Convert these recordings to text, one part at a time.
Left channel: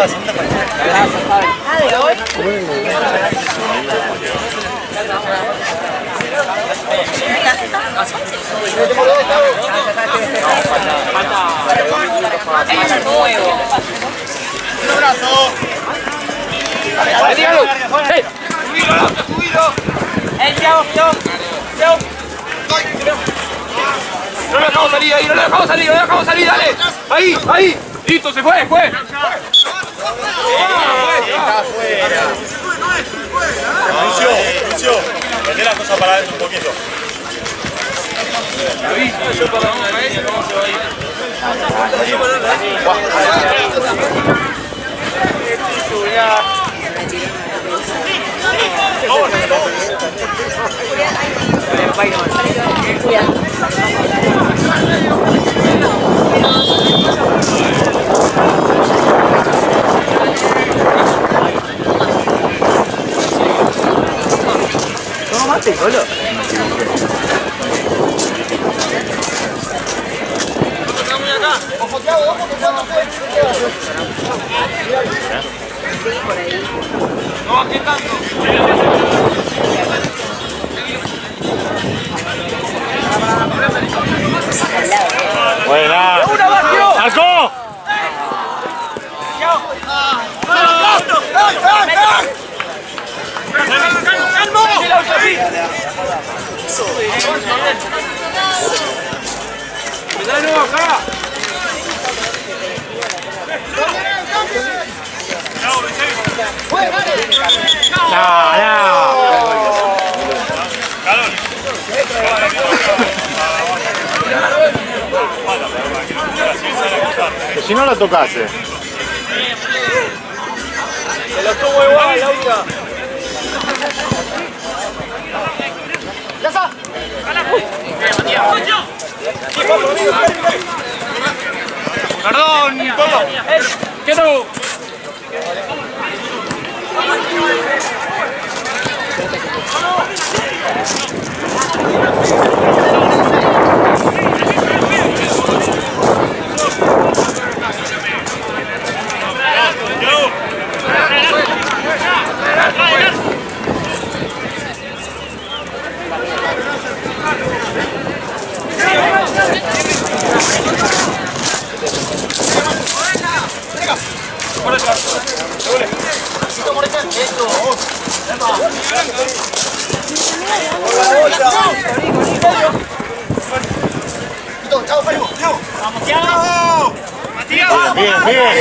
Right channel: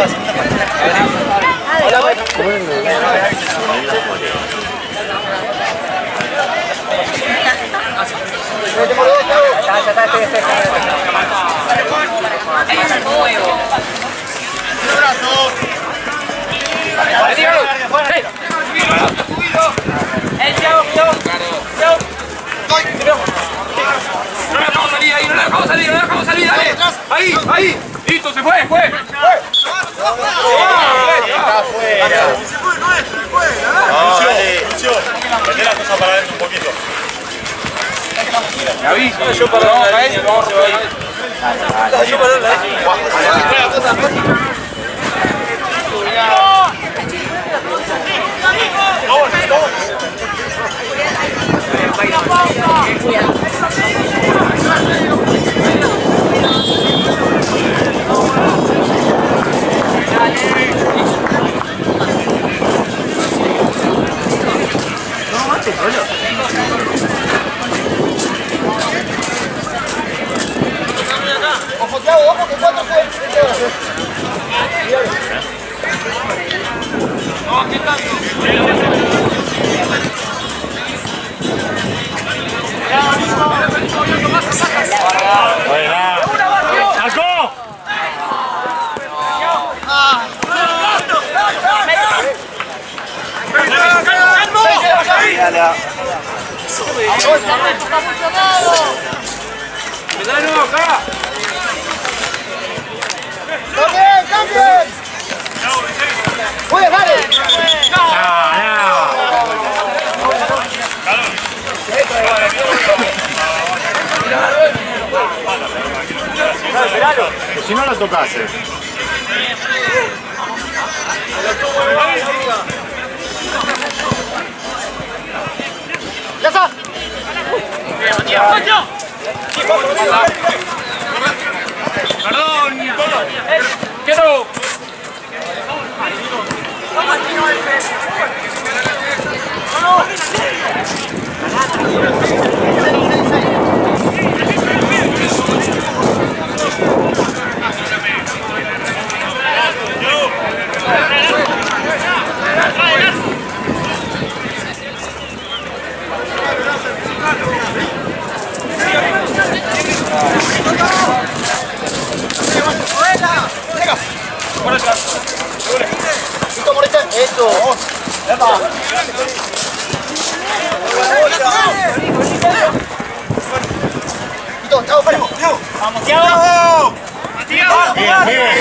No lo dejamos salir ahí, no lo dejamos salir, no lo dejamos salir, dale. Ahí, ahí. Listo, se fue, fue. Está afuera. Lucio, meté la cosa para adentro un poquito. Aviso, yo para la línea, ¿cómo se va a ir? Yo para la línea. No mate, boludo. Ojo, Thiago, ojo, que cuando fue. No, ¿qué tanto? Buena. ¡Sacó! ¡Me da de nuevo acá! ¡Cambien, cambien! ¡Juega, dale! Que si no la tocase. ¡Ya está! Perdón, quiero. Eso. Chao, Pablo. Vamos, Thiago. Matías. Bien, bien.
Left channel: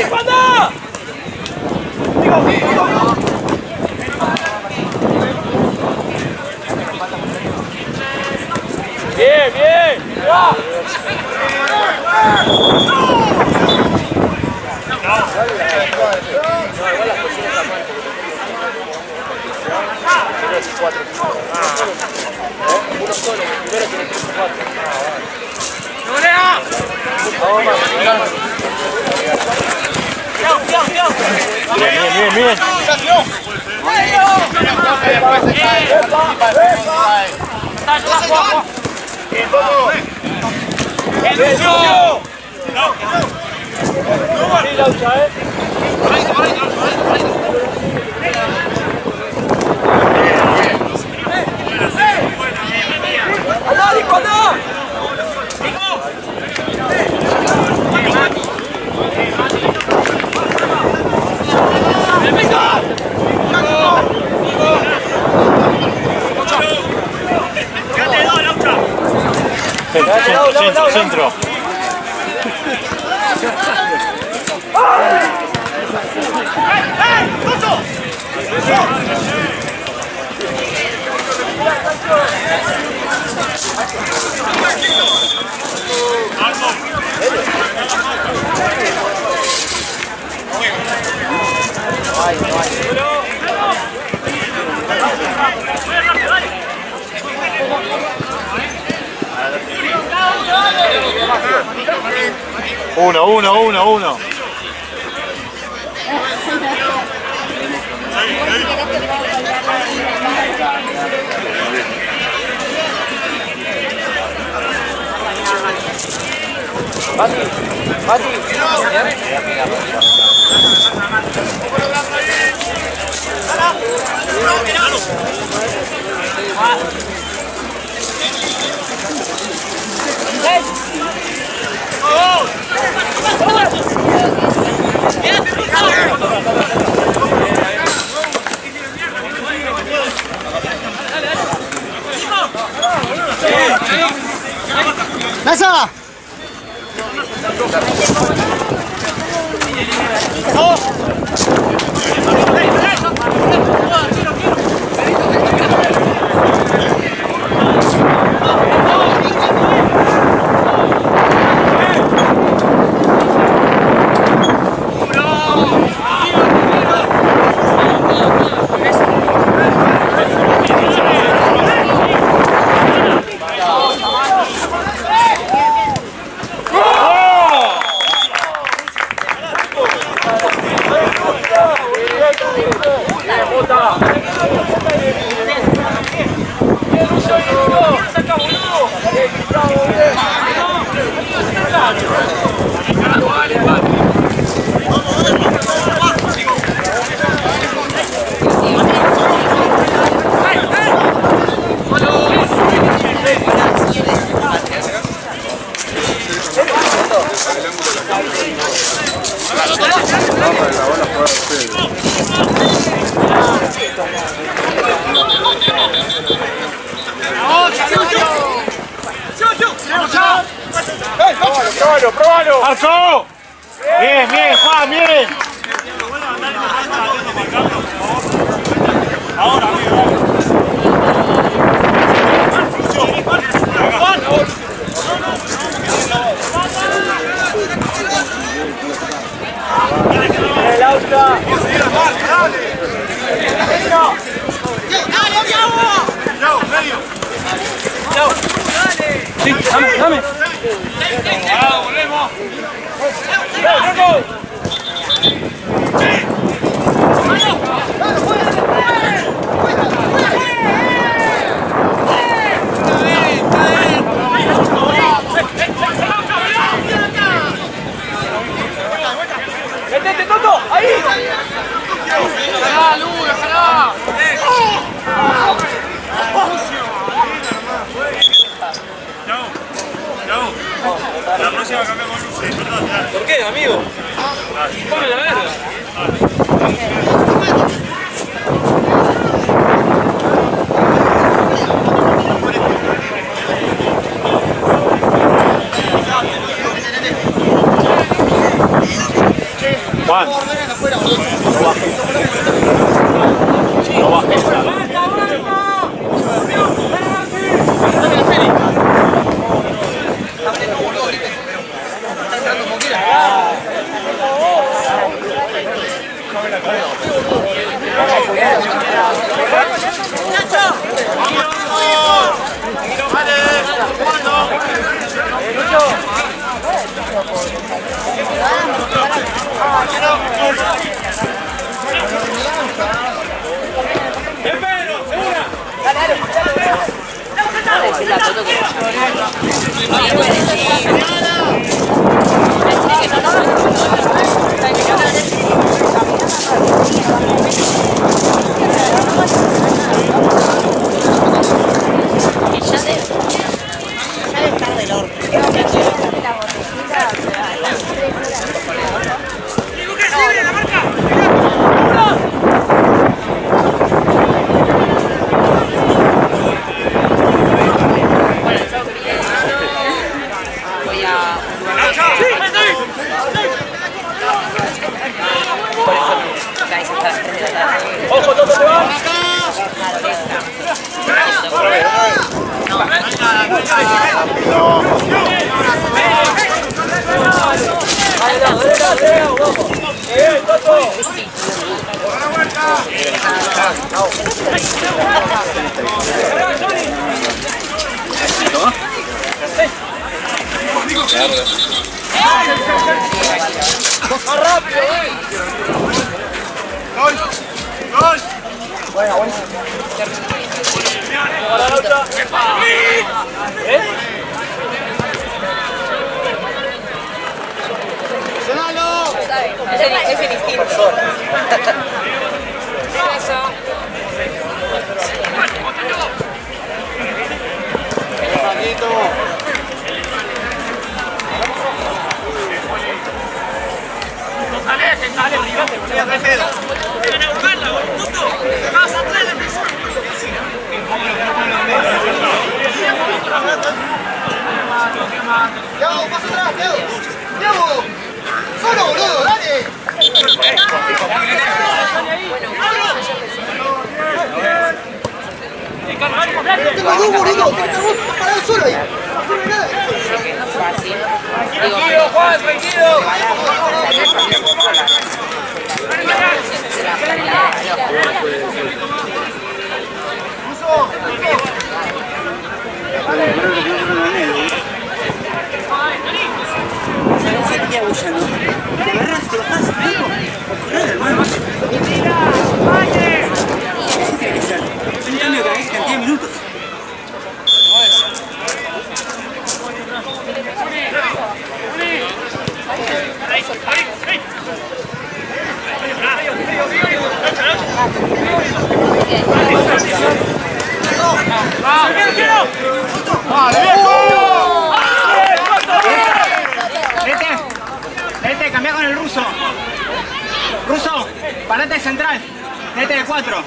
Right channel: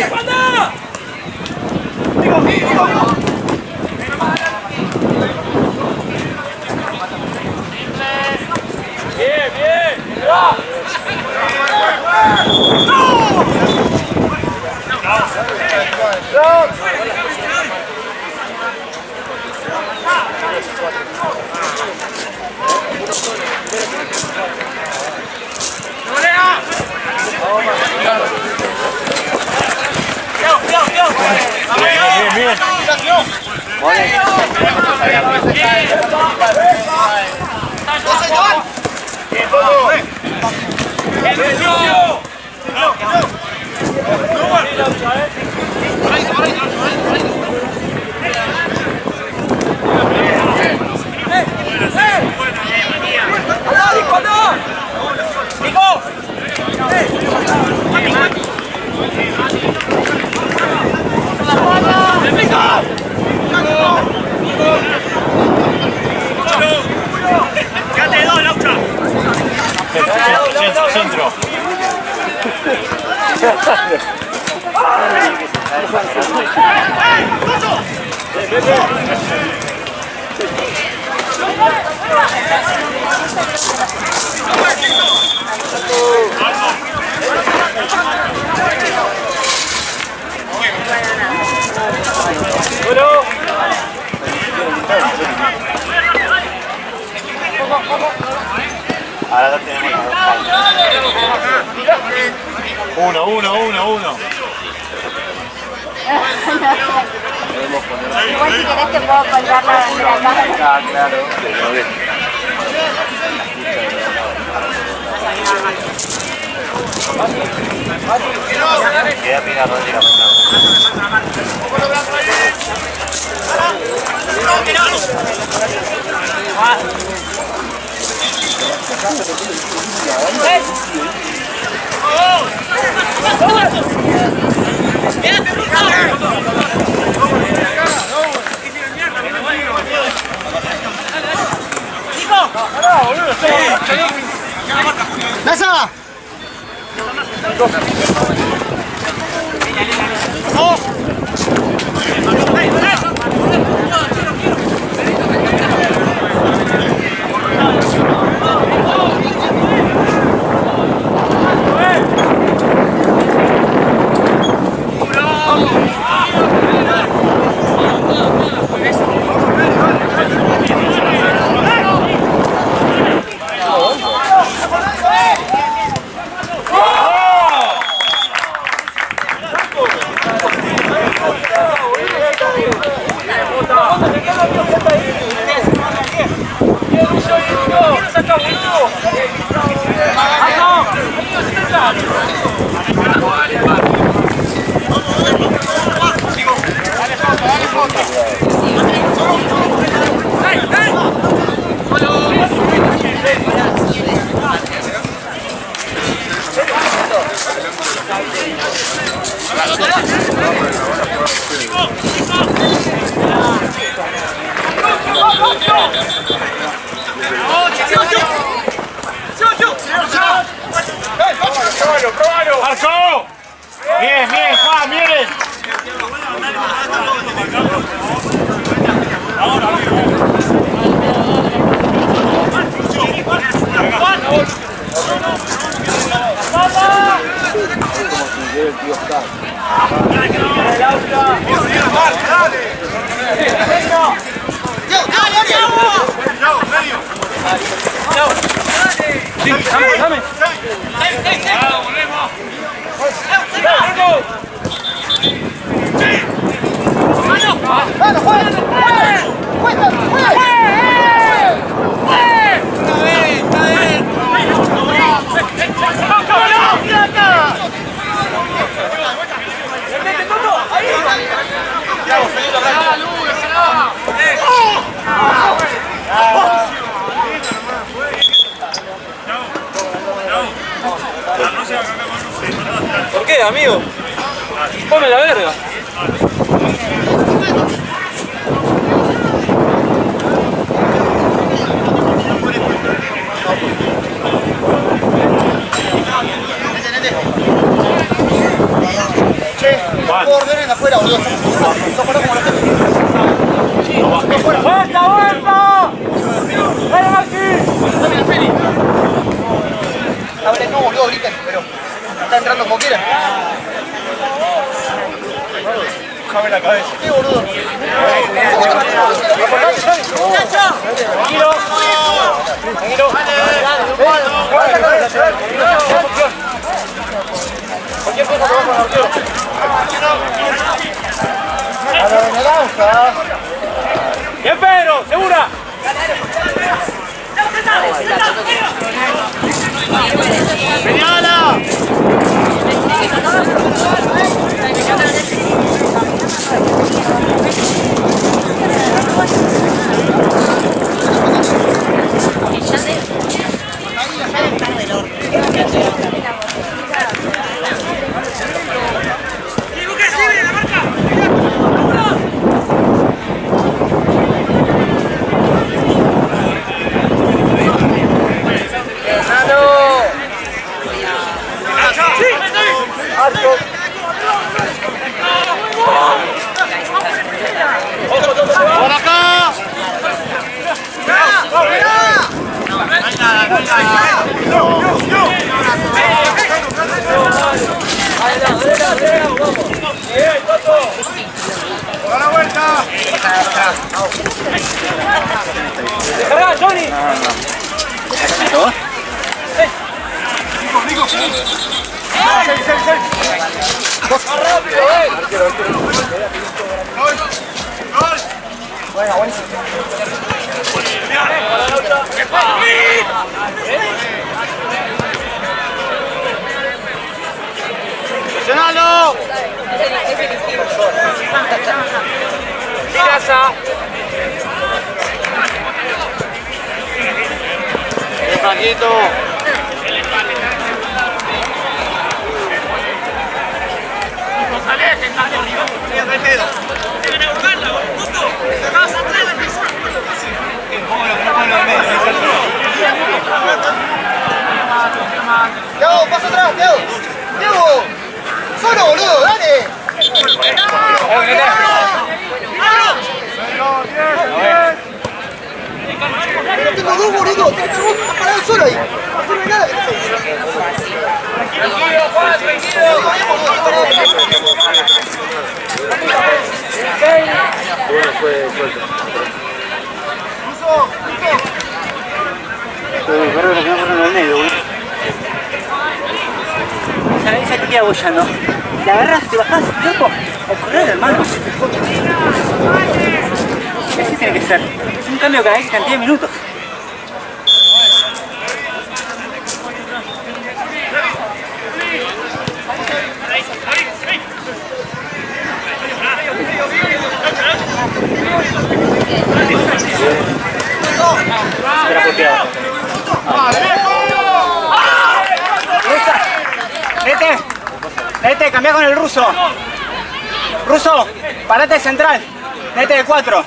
Bien, bien. Va. Bien, bien, bien. Centro. Uno. Igual si querés te puedo colgar la Claro. Queda pegado, tira. ¡Nasa! ¡Probalo! ¡Marco! Bien, bien, Juan, bien. Ahora, Sí, dame. Volvemos. ¿Por qué, amigo? Come la verga. Juan. Ordenen afuera, boludo. No bajes. ¡Vuelta, vuelta! ¡Dale, Maxi! Dame la Feli. Abre, no, boludo, griten, pero está entrando como quiera. Déjame la cabeza. Sí, boludo. ¡Bien, Pedro! ¡Segura! ¡Señala! Ya debe estar del orto. ¡Más rápido, Bueno, buenísimo. Ese distinto. Casa. Paquito. No sale, que sale arriba. Deben ahogarla, puto. Casa 3 de piso. Diego, pasa atrás, Diego. Diego. Solo, boludo, dale. Tengo dos, boludo. Tengo que estar vos parado solo ahí. No sirve nada. Tranquilo, Juan, tranquilo. ¿Sabes qué hago ya, no? La agarras, te bajás, loco, o correr, hermano. Ese tiene que ser un cambio cada X cantidad de minutos. Nete, cambia con el ruso. Ruso, parate de central. Nete de 4.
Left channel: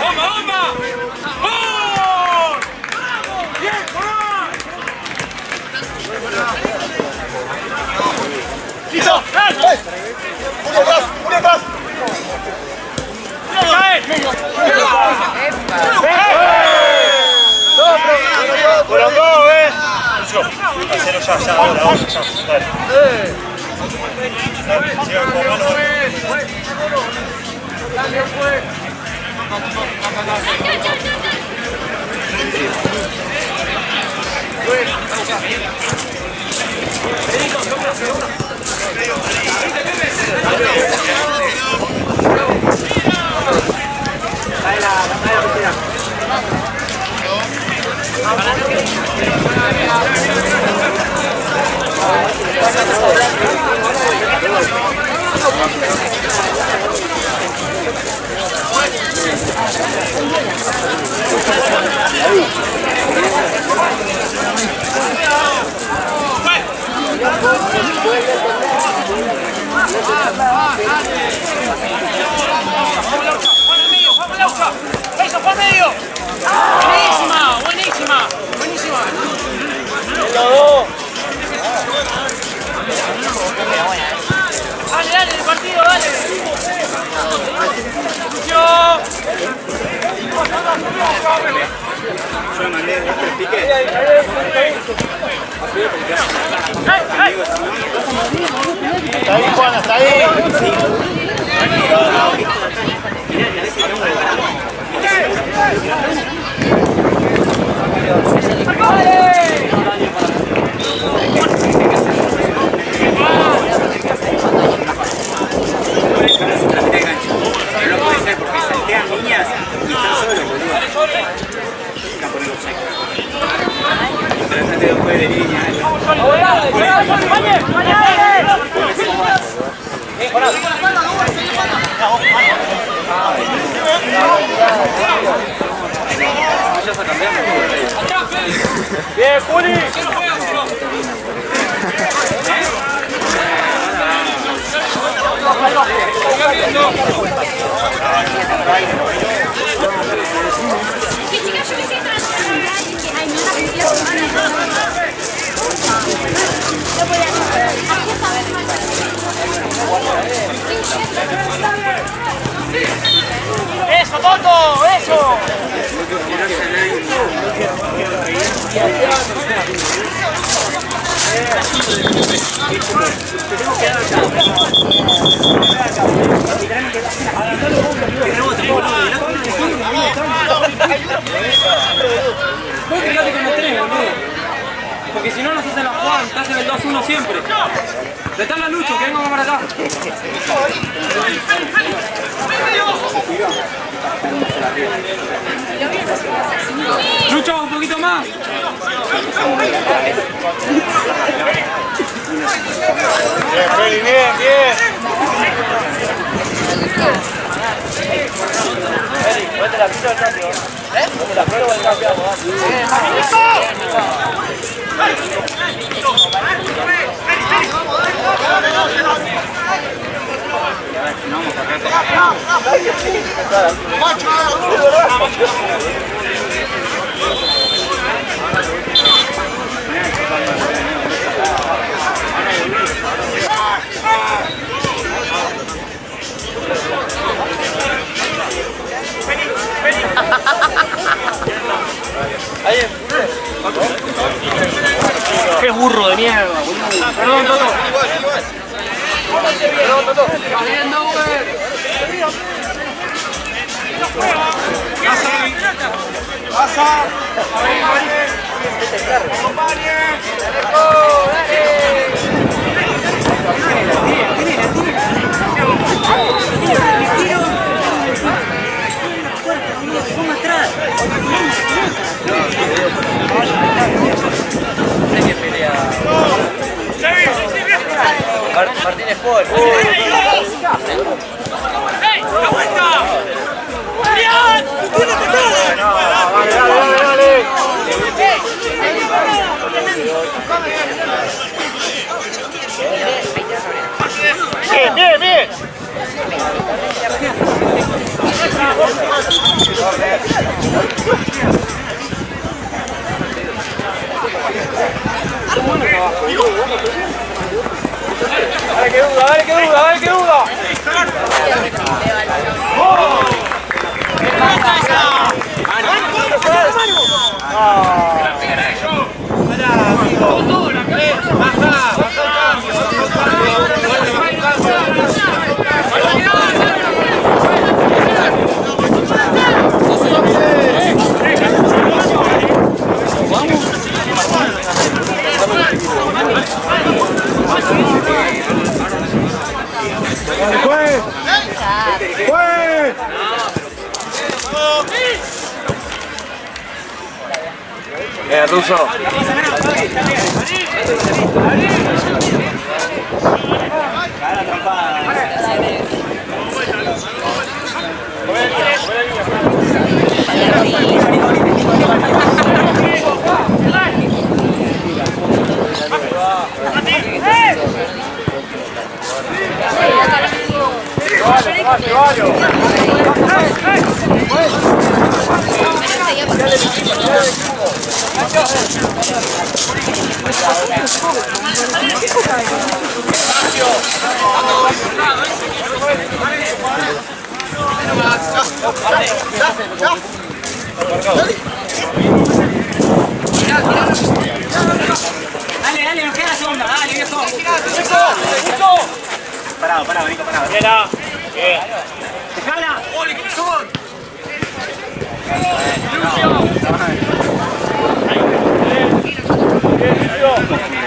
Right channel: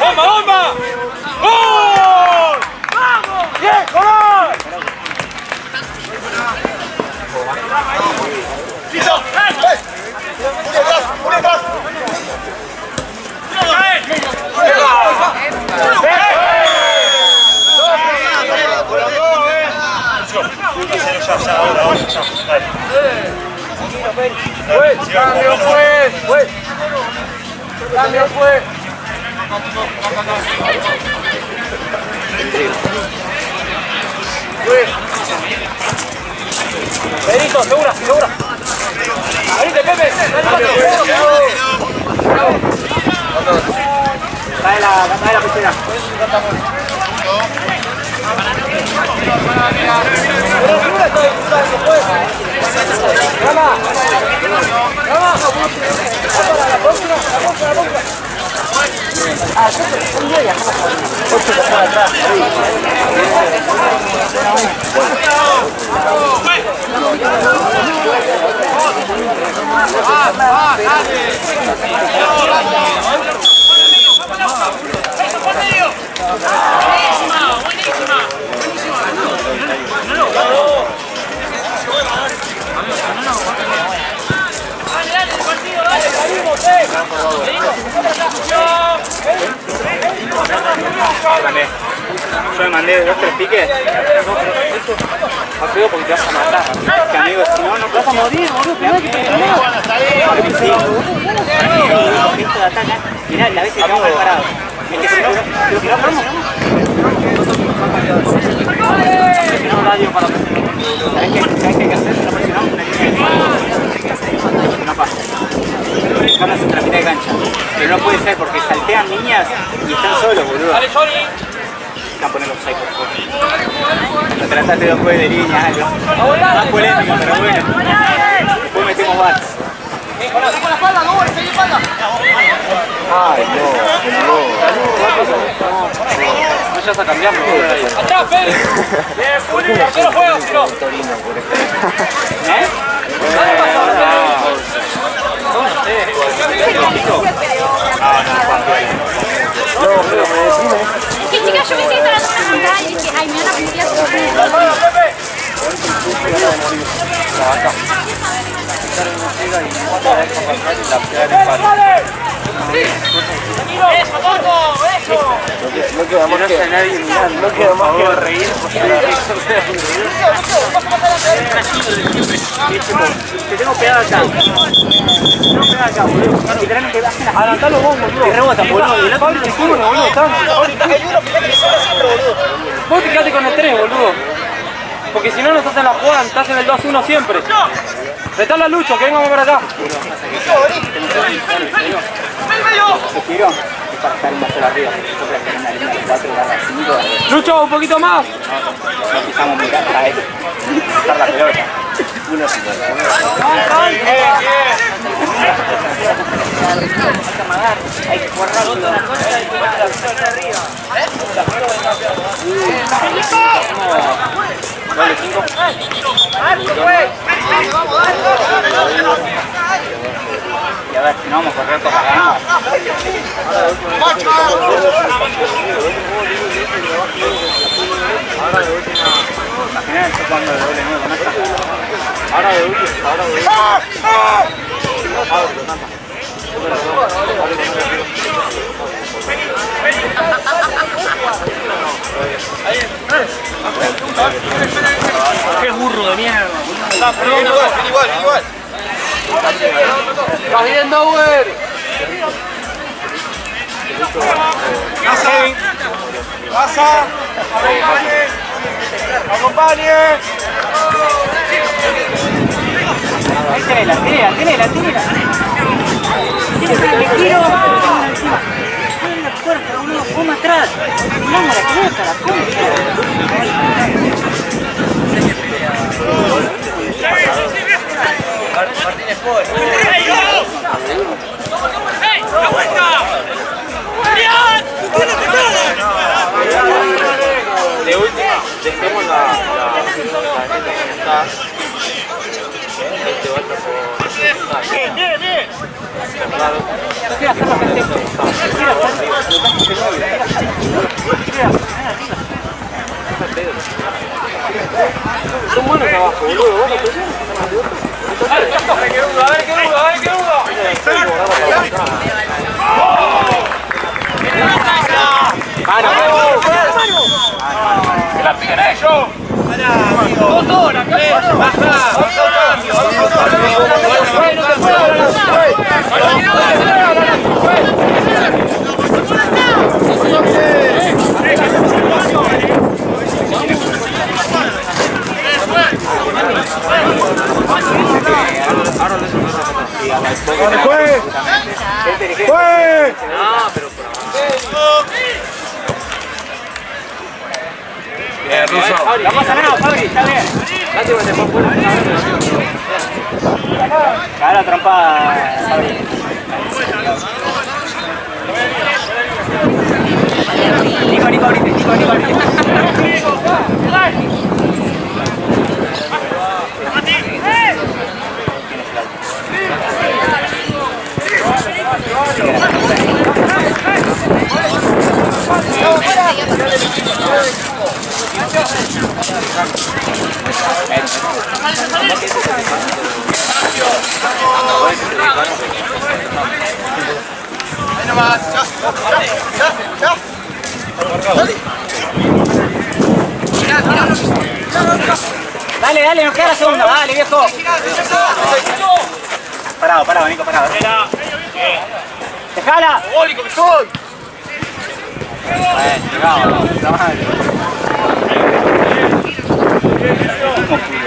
¡Bomba, bomba! ¡Gol! ¡Vamos! ¡Bien, gol! ¡Listo! ¡Une atrás! ¡Une atrás! Cambio fue. Benito, segura, segura. Ahí te Pepe. Cae la piscina. ¡Eso, por medio! ¡Buenísima! ¡Buenísima! ¡Buenísima! ¡Dale, dale, el partido, dale! ¡Seguimos, Yo le mandé 2 3 piques. Apuro porque te vas a matar. Que amigo, si no, no te vas a morir, boludo. Está ahí, Juan, está ahí. Mirá, la vez que estamos preparados. No radio para ¿sabes qué hay que hacer? Una pasa. Dejarlas en la mitad de cancha. Que no puede ser porque saltean niñas y están solos, boludo. ¡Dale, Johnny! Van a poner los psychos. Lo trataste después de línea, algo. Más polémico, pero bueno. Después metemos balas. ¡Con la espalda, no! ¡Sigue espalda! Ay, no. No, ya está cambiando. ¡Atrás, Félix! ¡Bien, Juli! ¿Qué no juegas, tío? Que chicas, yo pensé que estaban todas central y que ay, me van a pedir ¡Eso, Toto! ¡Eso! No queda más que nadie, no queda más que reír. Te tengo pegado acá. No pegado acá, boludo. Literalmente hacen las adelantalo vos, boludo. Y rebotan, boludo. Vos te quedate con el 3, boludo. Porque si no nos hacen la jugada, estás en el 2-1 siempre. Retá la lucha, que venga a ver acá. Se tiró. Para estar más arriba. Lucho, un poquito más. Empezamos muy atrás. La pelota. Bien, bien. Hay que jugar rápido. Y a ver si no vamos a correr para acá. Al final estoy jugando de doble nuevo, no está. Ahora de Qué burro de mierda. Igual. Estás bien, Dauer. Pasa. Acompañe. Ahí tenela. Le quiero. Vamos atrás. Vamos la pelota, Martínez Paul. ¡Ey! ¡La vuelta! ¡Adrián! ¡Tiene Bien. Son buenos abajo, boludo. Dale que duda. ¡Que la peguen a ellos! ¡2 horas! ¡Baja! Dale, juez. Russo. La pasa menos, Fabri, está bien. Cara trampada, Fabri. Dale, nos queda la segunda, dale, viejo. Parado, Nico, parado. ¡Dejala! ¡Oli, que soy!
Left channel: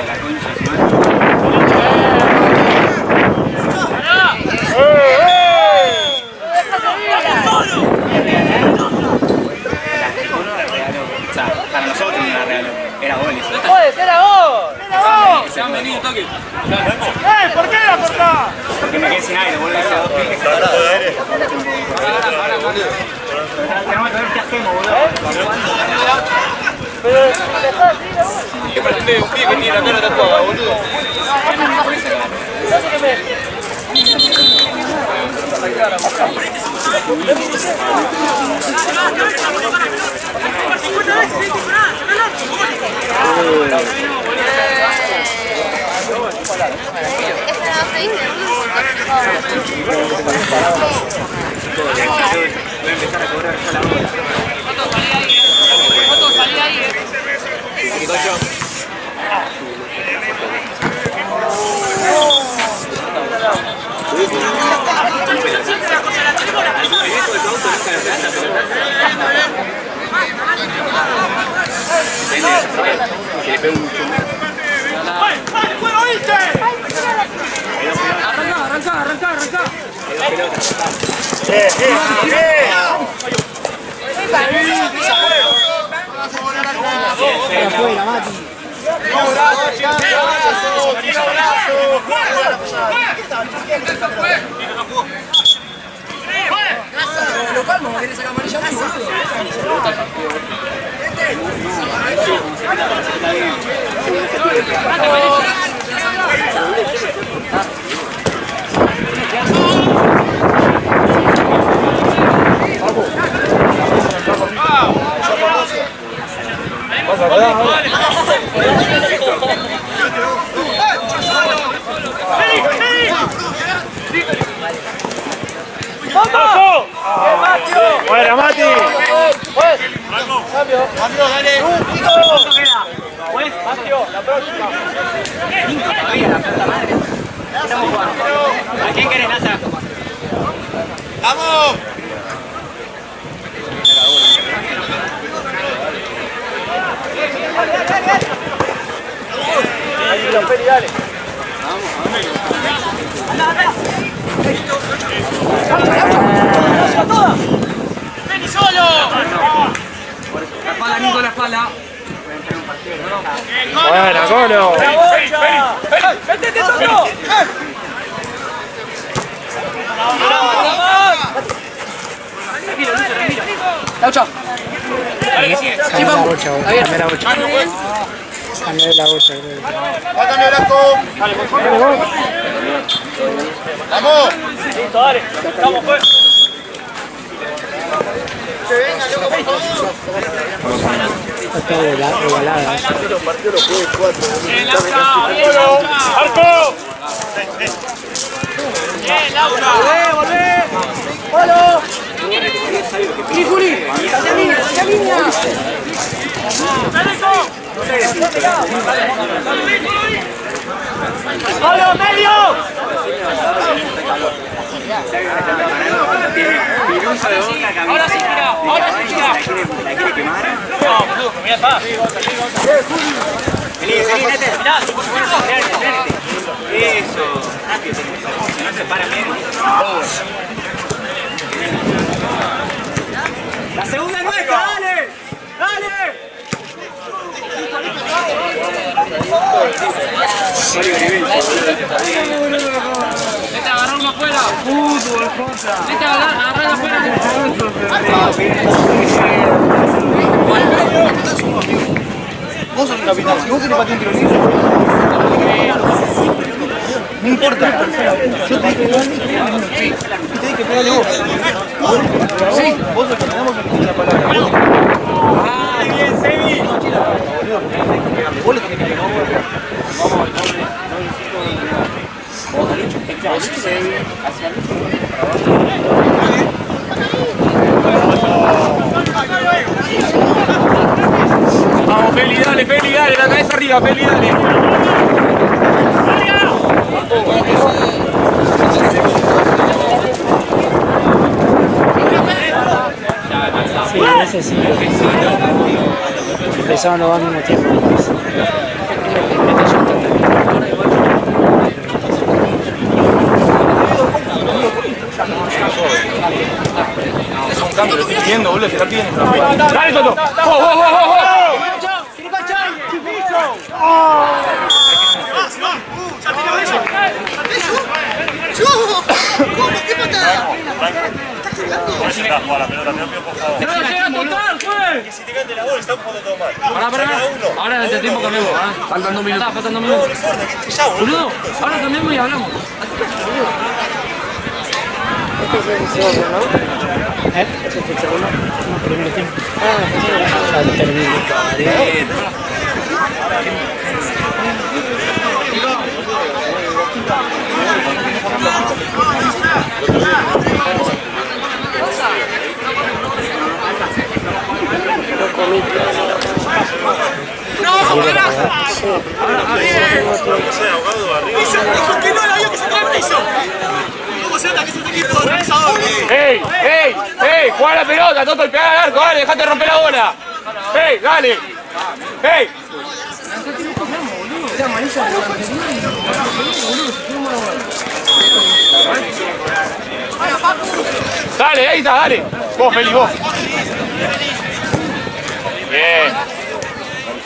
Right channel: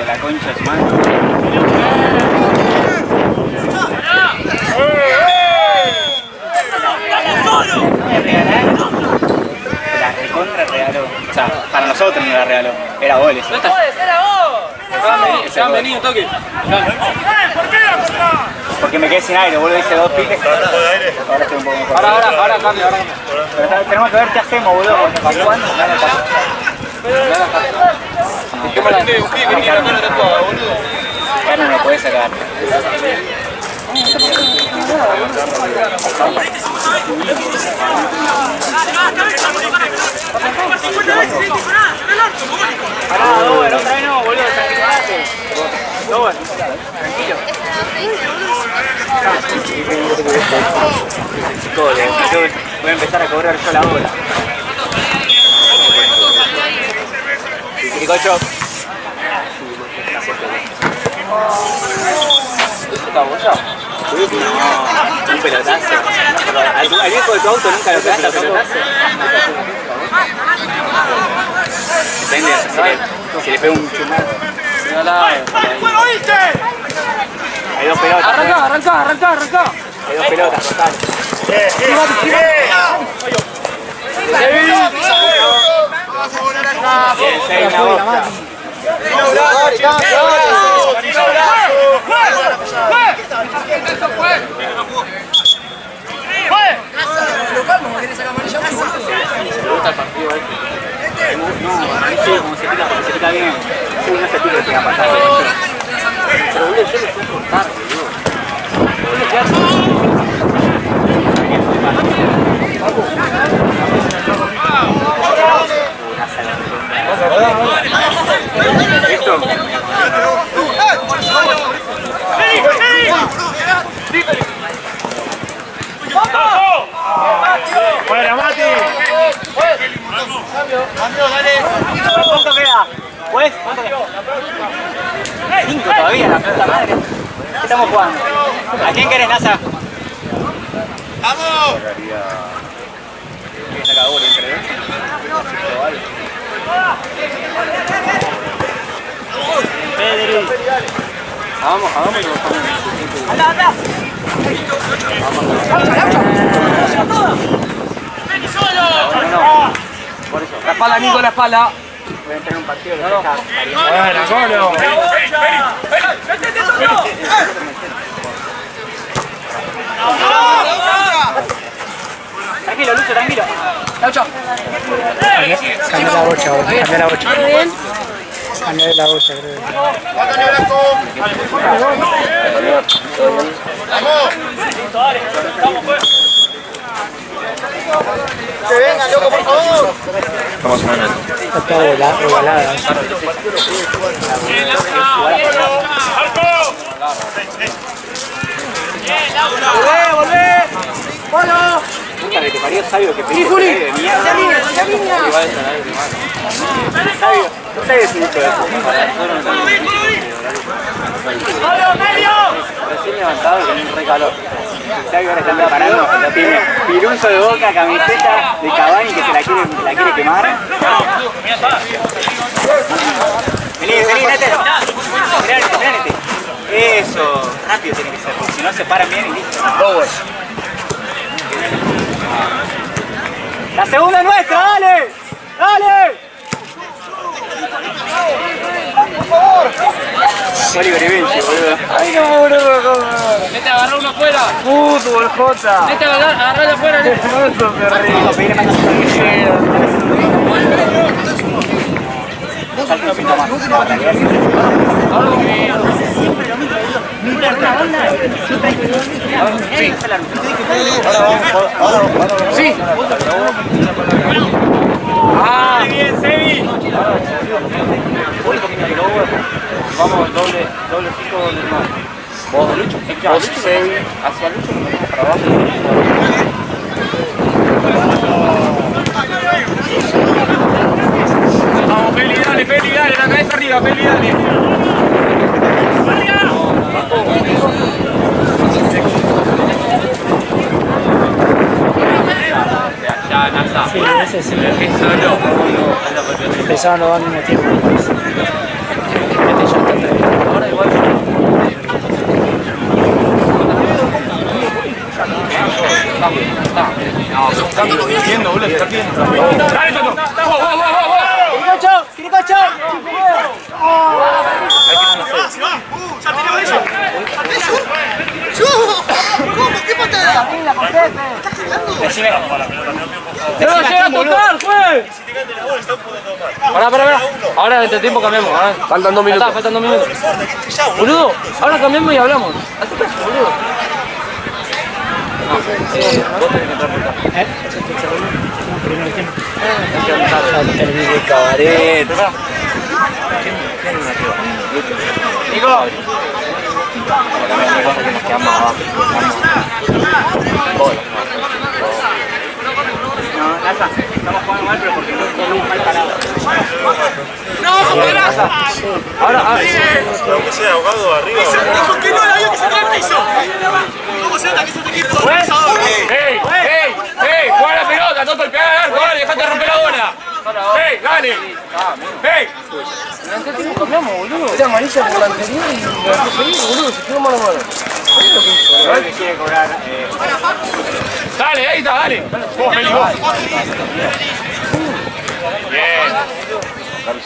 la concha de su madre. La recontra regaló. O sea, para nosotros no la regaló. Era gol eso. ¡Era vos! Se han venido, toque. ¿Por qué la cortás? Porque me quedé sin aire, boludo, hice 2 piques. Ahora estoy un poco mejor. Ahora. Pero tenemos que ver qué hacemos, boludo. ¿Para cuándo? ¿Qué me la un pie que tiene la cara tatuada, boludo? Ya no me puede sacar. Voy a empezar a cobrar yo la hora. Ricocho. Un pelotazo. Al viejo de tu auto nunca lo trata pelotazo. Depende, si le pega un chumazo. Hay 2 pelotas. Arranca. Hay 2 pelotas, total. Lo calmo, no querés sacar amarilla más, boludo. Sí, como se quita bien. Sí, no se tira, que va a pasar. Pero boludo, yo le puedo cortar, ¡Fuera, Mati! Cambio, dale. ¿Cuánto queda? ¿Pues? 5 todavía, la puta madre. ¿Qué estamos jugando? ¿A quién querés, Nasa? ¡Vamos! Vamos. ¡Anda! ¡Vení solo! La espalda, Nico, la espalda. ¡Buena, Colo! ¡Vete, Tokio! Tranquilo, Lucho, tranquilo. Chao. Cambié la bocha, cambié la bocha. Cambié la bocha, creo. ¡Vamos! Listo, dale. Vamos, pues. Que venga, loco, por favor. Está todo ovalada. ¡Bien, Laura! ¡Bien, Laura! ¡Arco! ¡Bien, Laura! ¡Volvé! ¡Polo! ¡Y Juli! ¡Ya línea! No sé si ¡Solo, medio! recién levantado y con un re calor. ¿Sabes que ahora están preparando? Tiene piruso de Boca, camiseta de Cavani que se la quiere quemar. Ya está. Vení, Nete. Mirá, eso. Rápido tiene que ser. Si no se paran bien y listo. La segunda es nuestra, dale. ¡Dale! Oliver y Vinci, boludo. Ay, no, boludo. Vete, agarró uno afuera. Fútbol, Jota. Vete, agarralo afuera. Eso, perrito. No importa. Sí. ¡Ah! ¡Bien, Sebi! Vamos, doble 5, doble 9. Vos, Lucho, hacia Lucho lo ponemos para abajo. Vamos, Feli, dale, la cabeza arriba, Feli, dale. Ya, Nasa. Sí, ese sí. Empezaron los dos al mismo tiempo. Este ya está terminado. Ahora igual. No, son cambios. Pidiendo, boludo, está pidiendo. Dale, Toto. ¡Tiricocho! ¡Ya tiene eso! ¡Yo! ¿Cómo? ¿Qué patada? ¿Estás jugando? ¡No llega a tocar, juez! Pará. Ahora en este tiempo cambiamos. Faltan 2 minutos. Faltan 2 minutos. Boludo, ahora cambiamos y hablamos. Así que, boludo. ¿Este es el segundo? No, primer tiempo. Ya terminé, cabaret. Ahora, ahogado arriba. Dijo que no, la vio que se trae el piso. ¿Cómo se nota que es un equipo organizador? ¡Ey! ¡Juega la pelota! ¡Toto, el pegar al arco! ¡Dale, dejate romper la bola! ¡Ey, dale! ¡Ey! era amarilla por la anterior y la anterior, boludo, se tiró mano mano. Dale, ahí está, dale. Vos, Feli, vos. Bien.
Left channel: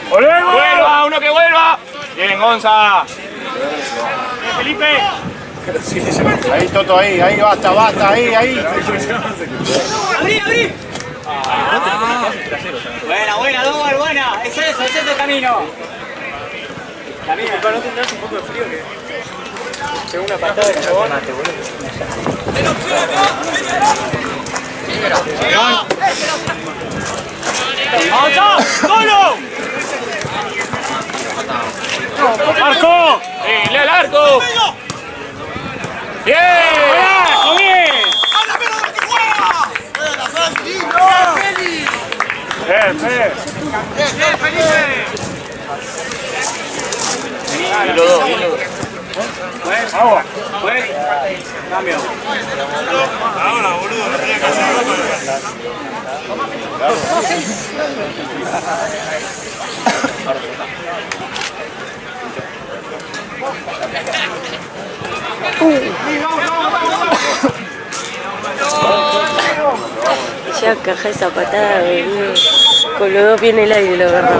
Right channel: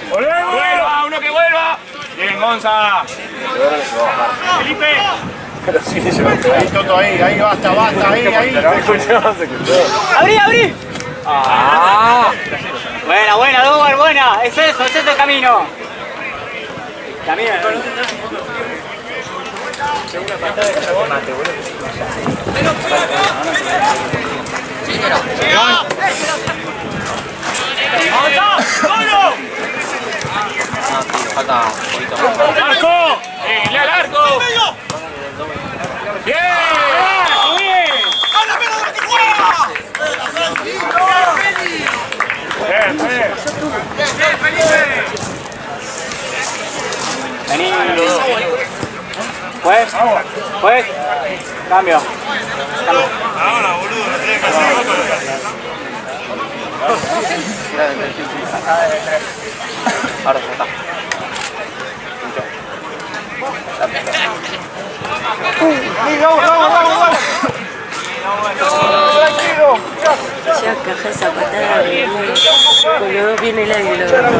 ¡Vuelva! ¡Uno que vuelva! Bien, Gonza. Felipe. Ahí, Toto, ahí, basta, ahí. ¡Abrí! Buena, Dobar, buena. Es eso el camino. Camina. Segunda patada de chabón. ¡Solo! ¡Arco! ¡Le al arco! ¡Bien! ¡Habla menos de lo que juega! ¡Bien, Felipe! Vení. Pues. Cambio. Ahora, boludo, no tenía que hacer. Ahora ya está. Ya caja esa patada de con los dos viene el aire, la verdad.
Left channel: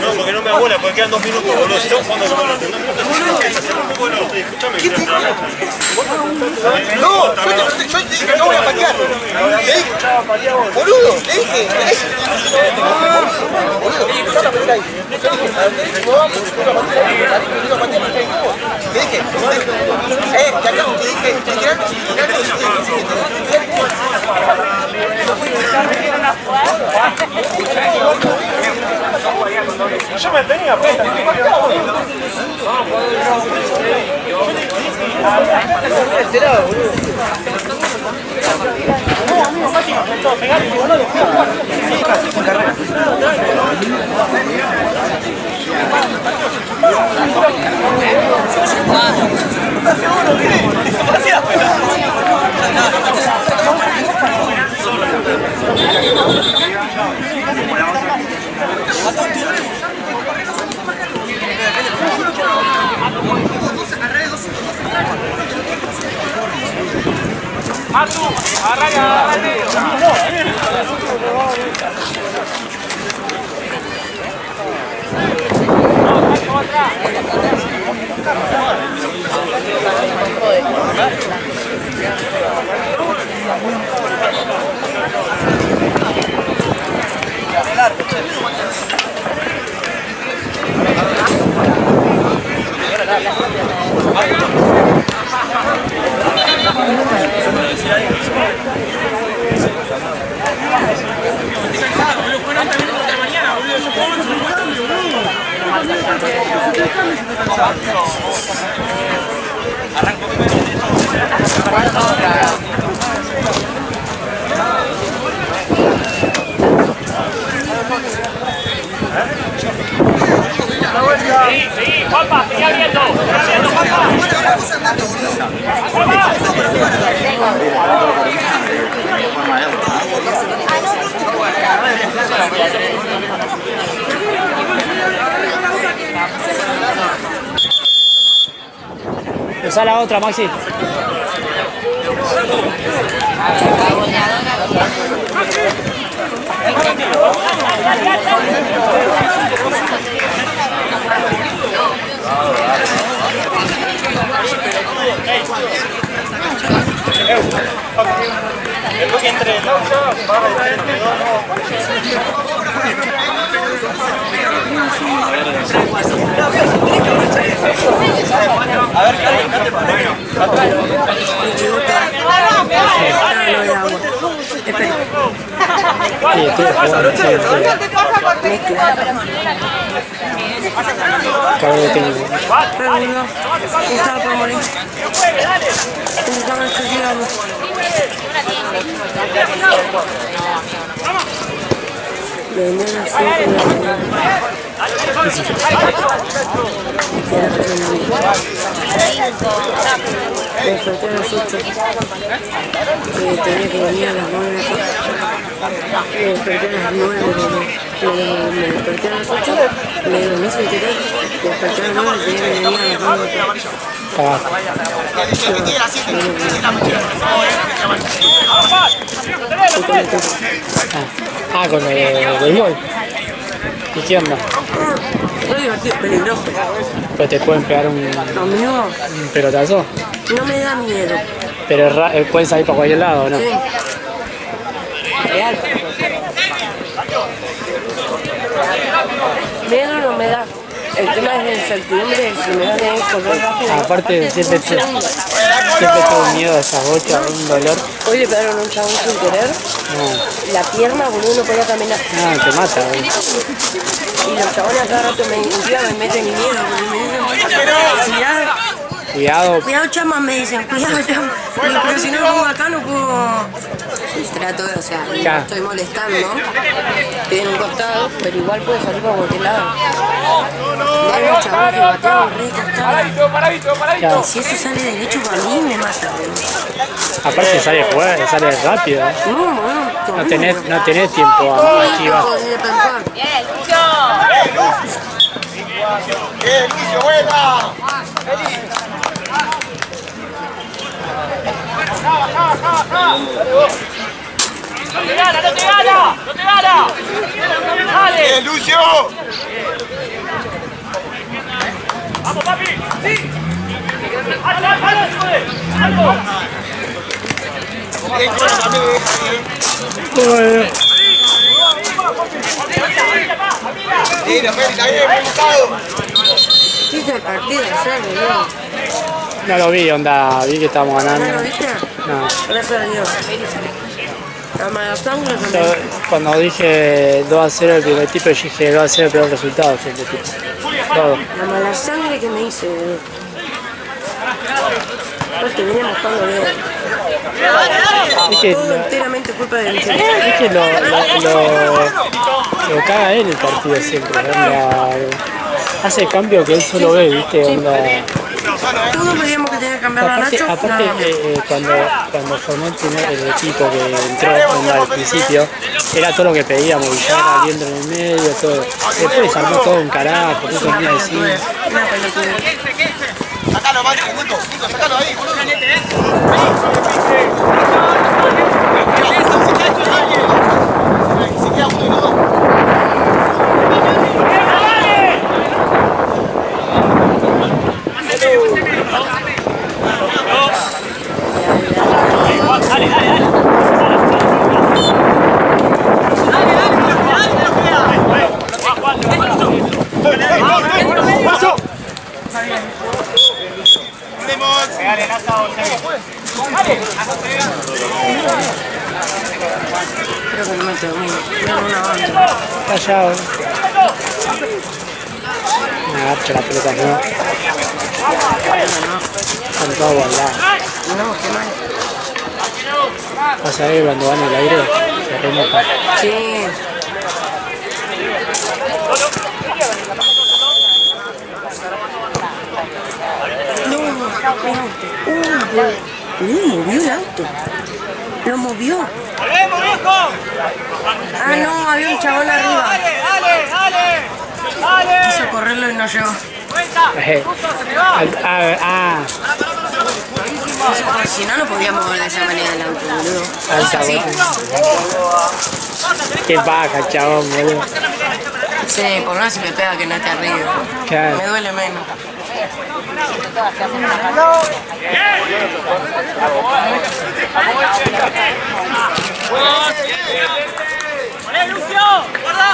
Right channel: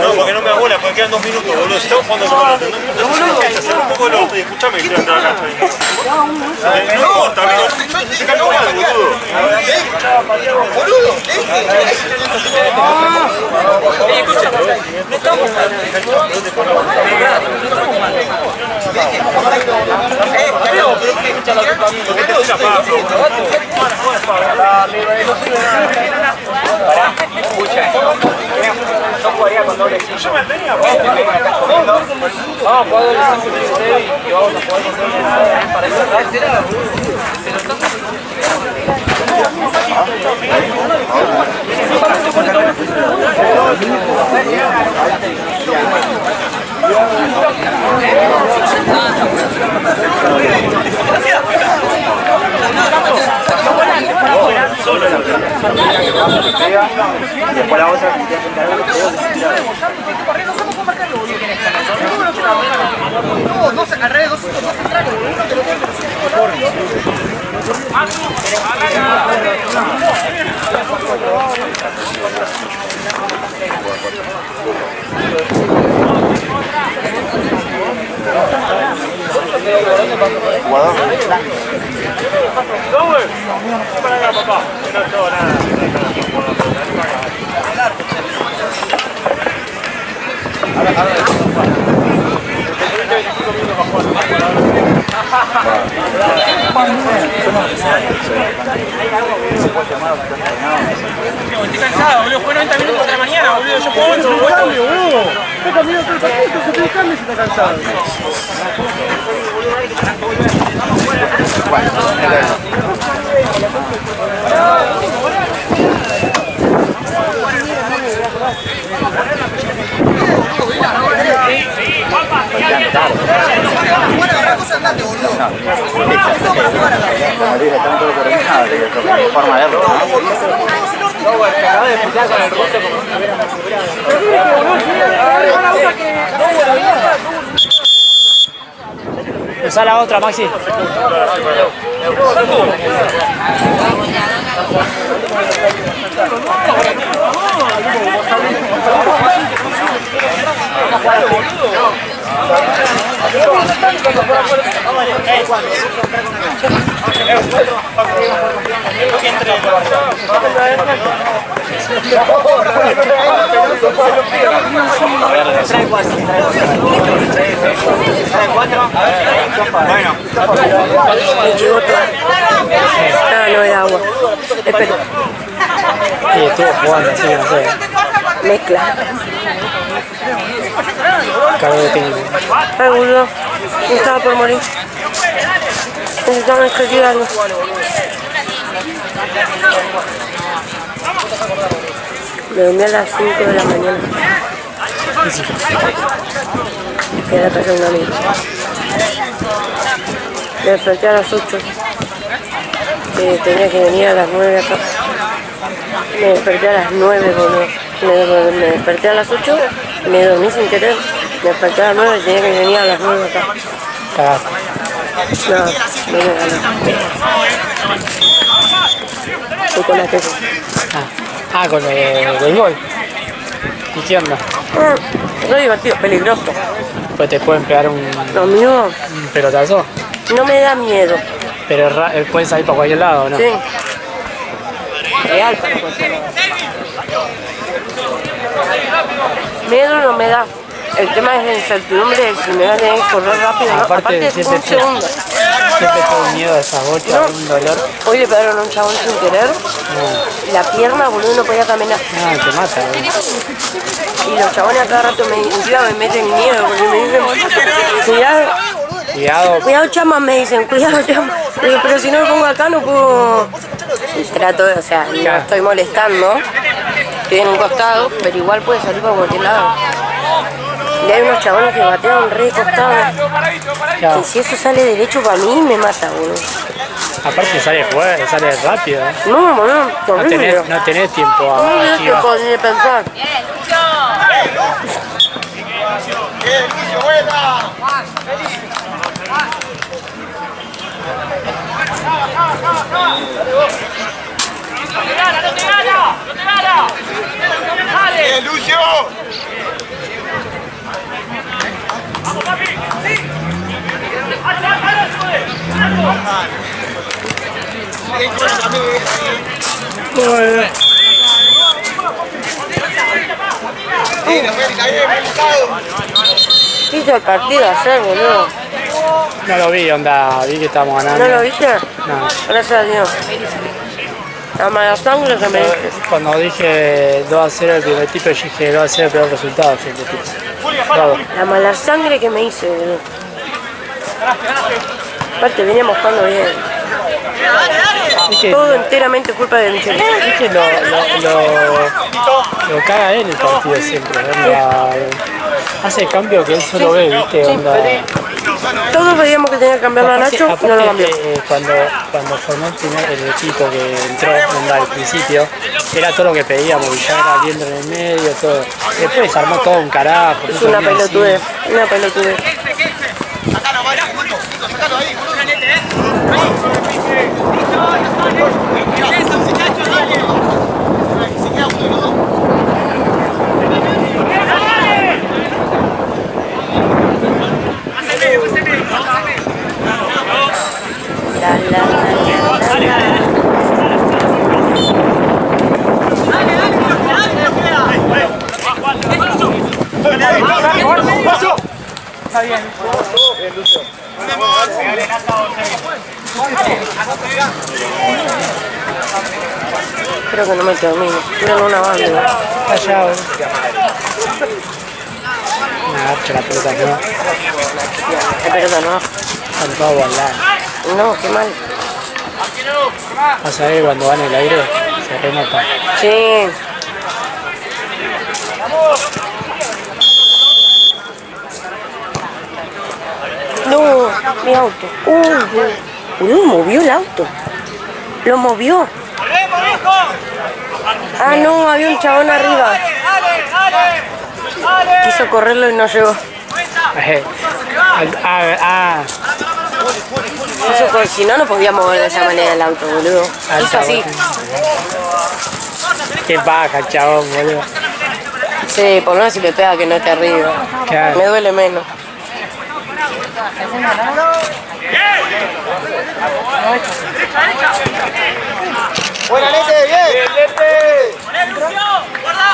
No, porque no me abuela, porque quedan 2 minutos, boludo. Si estamos jugando como no piensa, hacer un poco el otro. Escuchame, quiero entrar acá. No, también. Yo dije que no voy a patear. Boludo, le dije. Yo me tenía Después la otra. No se carrera, no se Estoy cansado, boludo. Fue 90 minutos de la mañana, boludo. Yo puedo 11, boludo. Sí, Juanpa, seguí abierto. Usa la otra, Maxi. Después que entre No era agua. Espera. Sí, estuvo jugando así, no sé. Mezcla. Cargo de técnico. Ay, boludo. Estaba por morir. Necesitamos escribir algo. Me vendí a las 5 de la mañana. Que era casa de un amigo. Me desperté a las 8. Tenía que venir a las 9 acá. Me desperté a las 9, boludo. Me desperté a las 8, me dormí sin querer. Me desperté a las 9 y tenía que venir a las 9 acá. Cagaste. No, no me gané. Fui con la tesis. Con lo del gol. ¿Y qué onda? Re divertido, peligroso. Pues te pueden pegar un pelotazo. No me da miedo. Pero pueden salir para cualquier lado, ¿no? Sí. Real para cualquier lado. Miedo no me da. El tema es la incertidumbre de si me van a tener que correr rápido. Aparte siempre tengo miedo de esas bochas, un dolor. Hoy le pegaron a un chabón sin querer. La pierna, boludo, no podía caminar. Te mata, boludo. Y los chabones a cada rato me meten miedo, porque me dicen, cuidado chama, me dicen, cuidado chama. Pero si no me pongo acá no puedo. Trato de, o sea, no estoy molestando. Estoy en un costado, pero igual puede salir para cualquier lado. Y hay unos chabones que batean re costado. Y si ese sale derecho para mí, me mata, boludo. Aparte sale rápido. No, boludo. No tenés tiempo a esquivar. Ni de pensar. Bien, Lucio, buena. ¡No te gana! ¡Dale! Bien, Lucio. ¡Vamos, papi! ¡Sí! ¿Qué hizo el partido ayer, boludo? No lo vi, vi que estábamos ganando. ¿No lo viste? No. Gracias a Dios. La mala sangre que me dice. Cuando dije 2-0 el primer tipo, yo dije 2-0 el peor resultado, gente, tipo. Todo. La mala sangre que me hice, boludo. Aparte veníamos jugando bien. Todo enteramente culpa de Michel. Es que lo caga él el partido siempre. Hace el cambio que él solo ve, ¿viste? Onda. Todos veíamos que tenía que cambiar a Nacho. Aparte, cuando formó el equipo que entró al principio, era todo lo que pedíamos, Villagra viendo en el medio, todo. Después se armó todo un carajo. Es una pelotudez. Sacalo, Mario, Nico, sacalo ahí, boludo. Se queda uno de los dos. ¡Paso! Creo que no me termino. Quiero una banda. Allá, me agacho la pelota, ¿no? La pelota no. Están todos volados. No, qué mal. Vas a ver cuando van en el aire, se renota. Sí. No, mi auto. Boludo, movió el auto. Lo movió. Ah, no, había un chabón arriba. Quiso correrlo y no llegó. Si no, no podía mover de esa manera el auto, boludo. Es así. Qué baja, chabón, boludo. Sí, por lo menos si me pega que no esté arriba. Claro. Me duele menos. Buena, Lete, bien. ¡Vale, Lucio! ¡Guarda!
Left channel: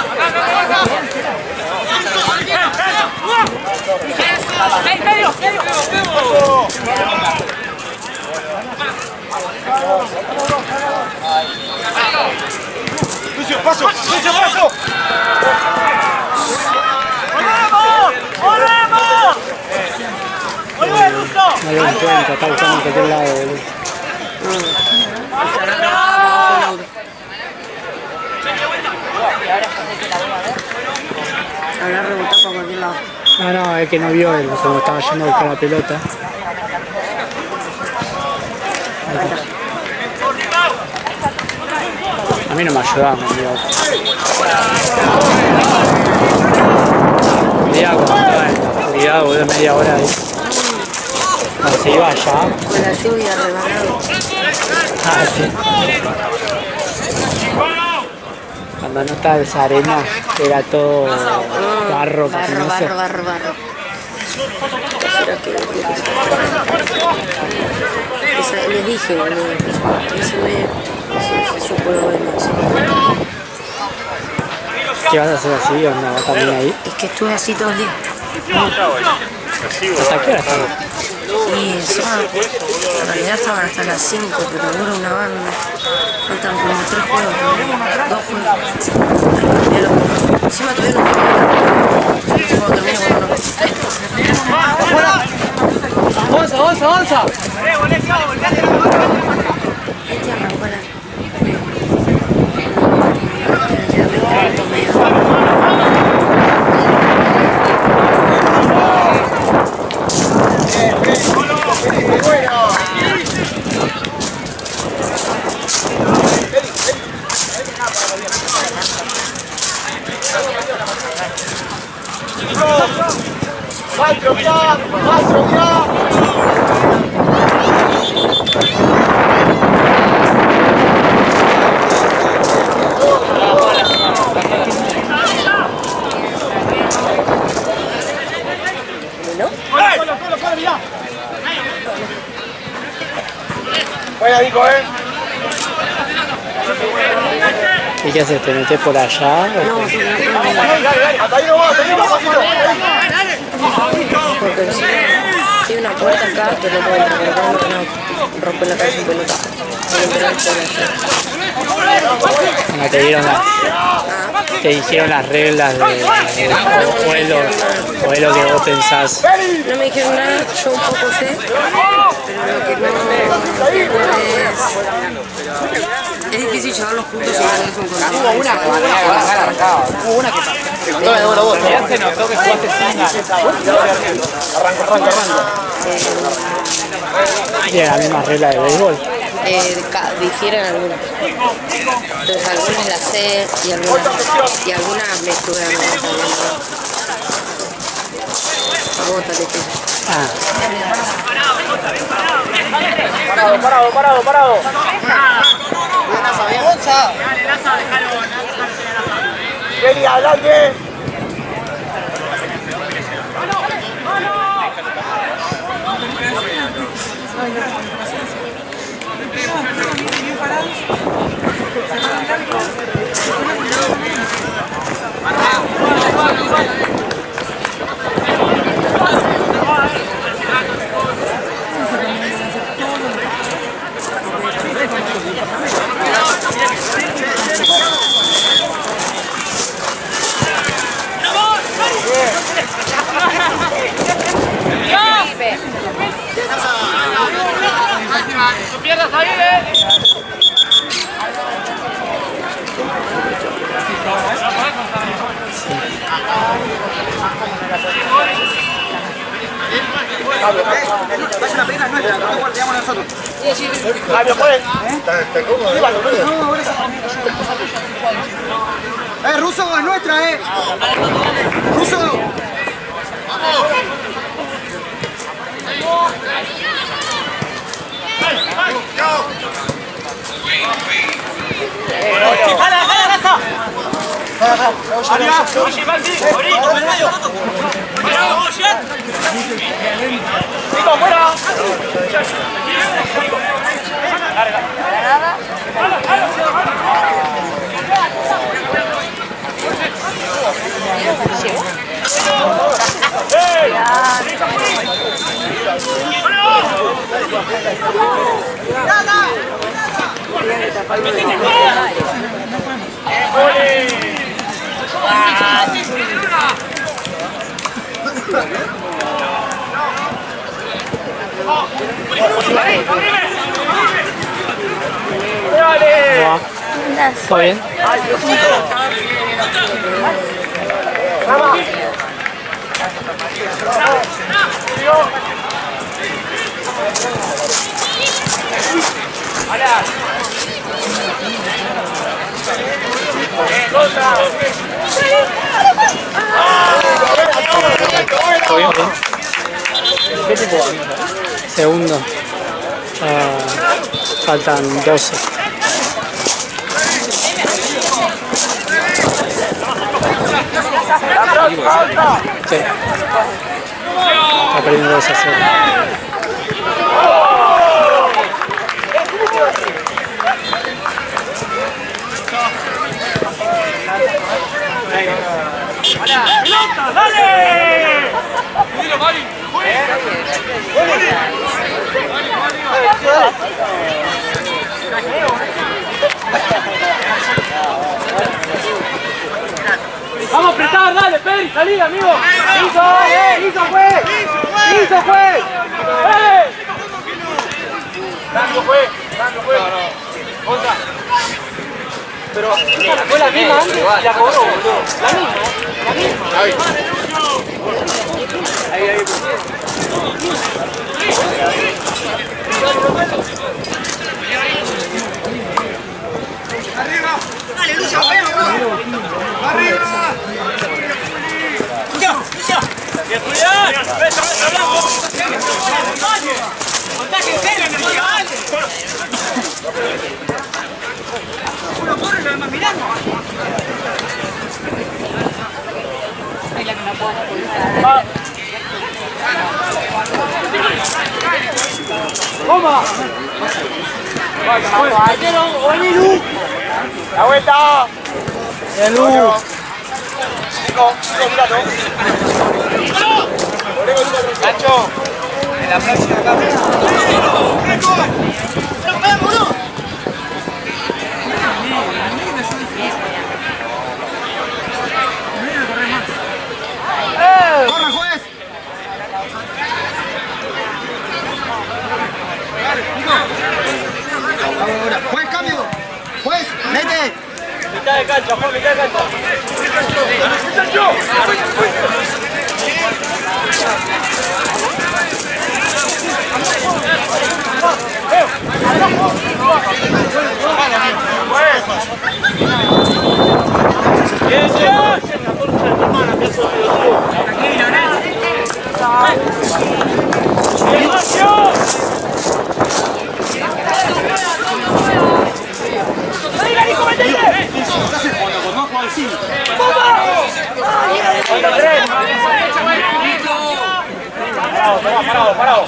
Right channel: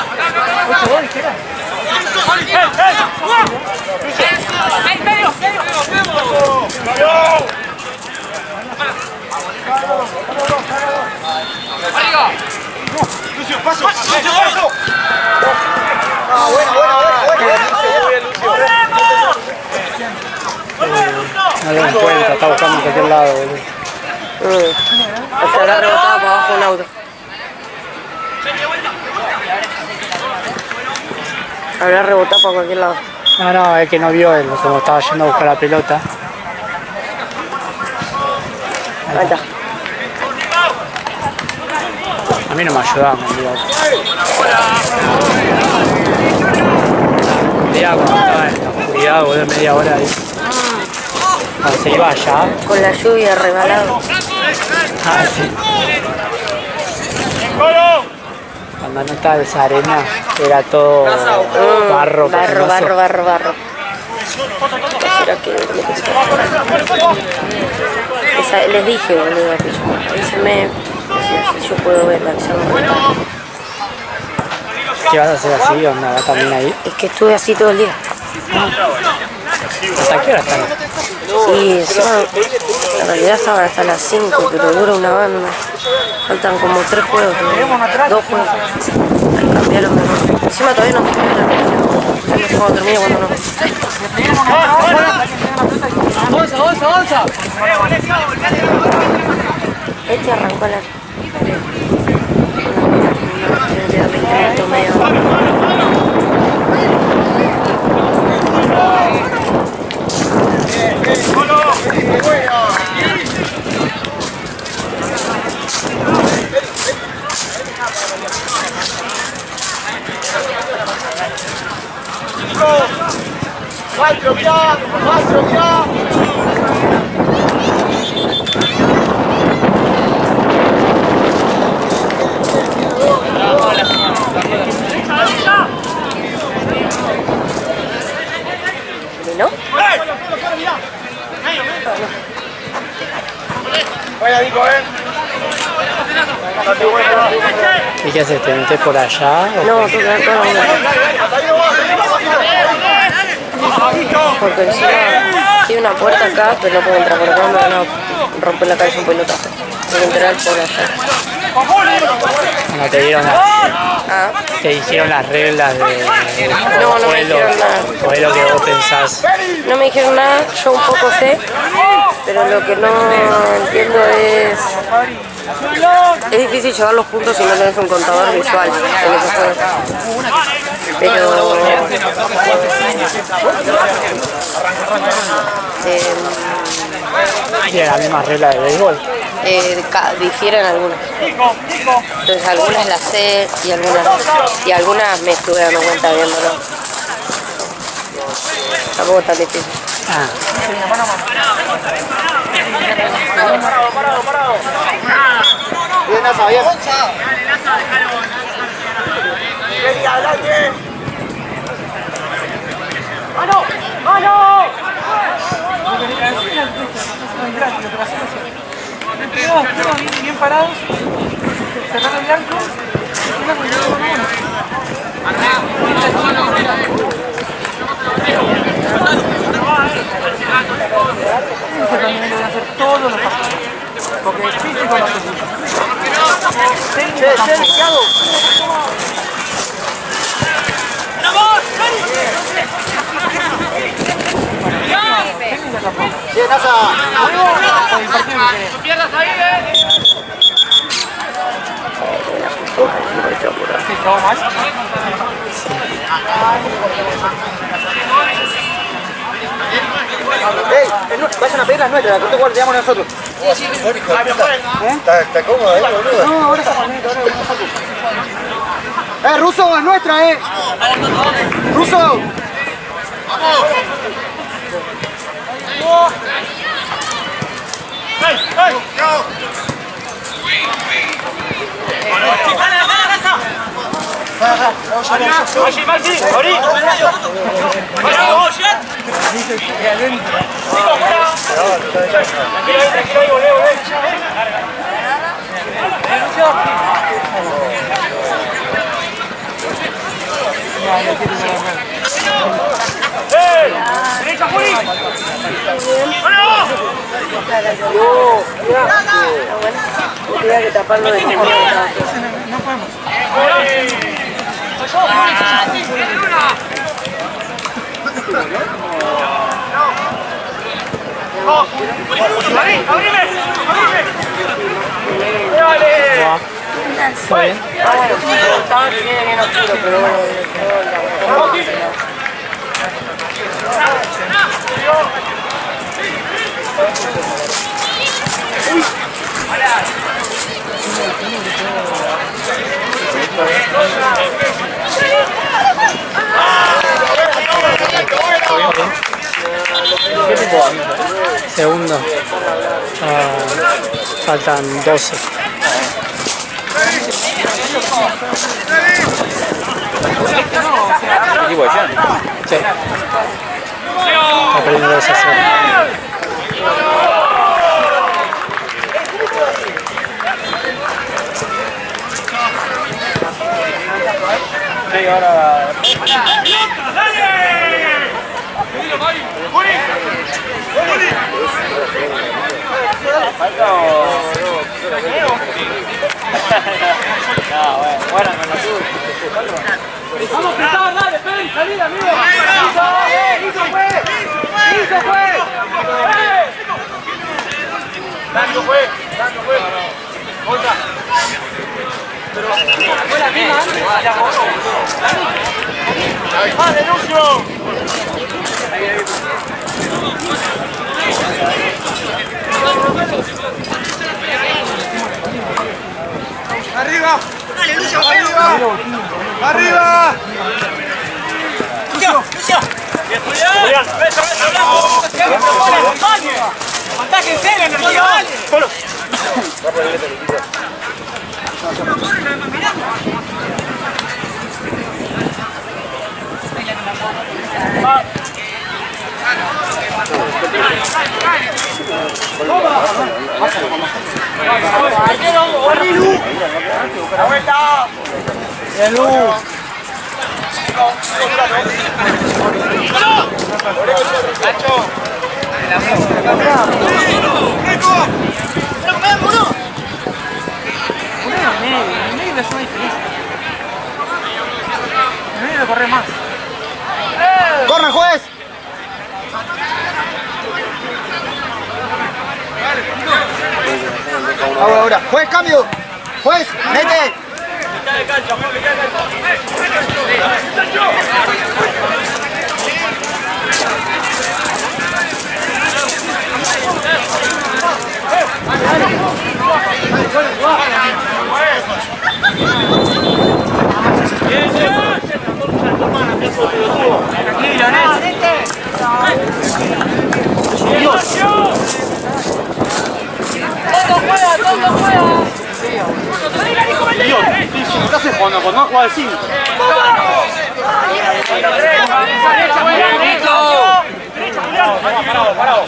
¡Medio! Lucio, paso. Lucio, paso. No lo encuentra, está buscando en cualquier lado, boludo. Habrá rebotado para abajo el auto. Habrá rebotado para cualquier lado. No, es que no vio él, como estaba yendo a buscar la pelota. Ahí está. A mí no me ayudaban, digo. Podía cuando estaba en la oscuridad, boludo, media hora ahí. Cuando se iba allá. Con la lluvia regalado. Ah, sí. Cuando no estaba esa arena, era todo barro, patinoso. Barro. ¿Será que les dije, boludo, que yo, avísenme si yo puedo ver la acción rota. ¿Qué vas a hacer así? ¿Onda? ¿Va también ahí? Es que estuve así todo el día. ¿Hasta qué hora están? Y encima, en realidad estaban hasta las 5, pero dura una banda. Faltan como 3 juegos, 2 juegos. Ahí cambiaron de nuevo. Encima todavía no terminé nada. Yo no sé cuándo termino, cuando no. ¡Avanza! Este arrancó la... Maestro, mirá. ¿No? Buena, Nico, ¿Y qué haces? ¿Te metes por allá? No, porque encima tiene una puerta acá, pero no puedo entrar por acá, me van a romper la cabeza un pelotazo. Voy a entrar por allá. No te dieron te dijeron las reglas de No me dijeron nada. o es lo que vos pensás. No me dijeron nada, yo un poco sé, pero lo que no entiendo es difícil llevar los puntos si no tenés un contador visual. ¿Tiene la misma regla de béisbol? Difieren algunas. Entonces algunas las sé y algunas me estuve dando cuenta viéndolo. Tampoco tan difícil. Ah. Parado. Bien, Gonza. Vení, adelante. ¡Mano! Bien parados, cerraron el arco, ¡No pierdas ahí, Vayan a pedir las nuestras, la corte guardiamos nosotros. ¿Está cómodo ahí, boludo? No, ahora se Ruso, es nuestra, Ruso. ¡Vamos! Tenía que taparlo de ¿Está bien? ¿Qué tipo de aviso? Segundo. Faltan 12. ¿Equipo de Sion? Sí. Está perdiendo 2 a 0. Vamos a apretar, dale, Peri, salida, amigo. Listo, fue. Dando fue. Contra. Pero fue la misma antes y la cobró, boludo. La misma. ¡Vale, Lucio! Ahí. Arriba. Dale, Lucio, arriba. Lucio. Bien, Julián. Beso, blanco. Ataque en serio, Lucio, dale. La vuelta. Bien, Lu. Nacho. Corre, juez. Ahora. Juez, cambio. Juez, mete. Mitad de cancha, por mitad de cancha. Bien, la concha de tu hermana, pedazo de pelotudo. Tranquilo, ¿Qué haces cuando no juega al 5? Parado.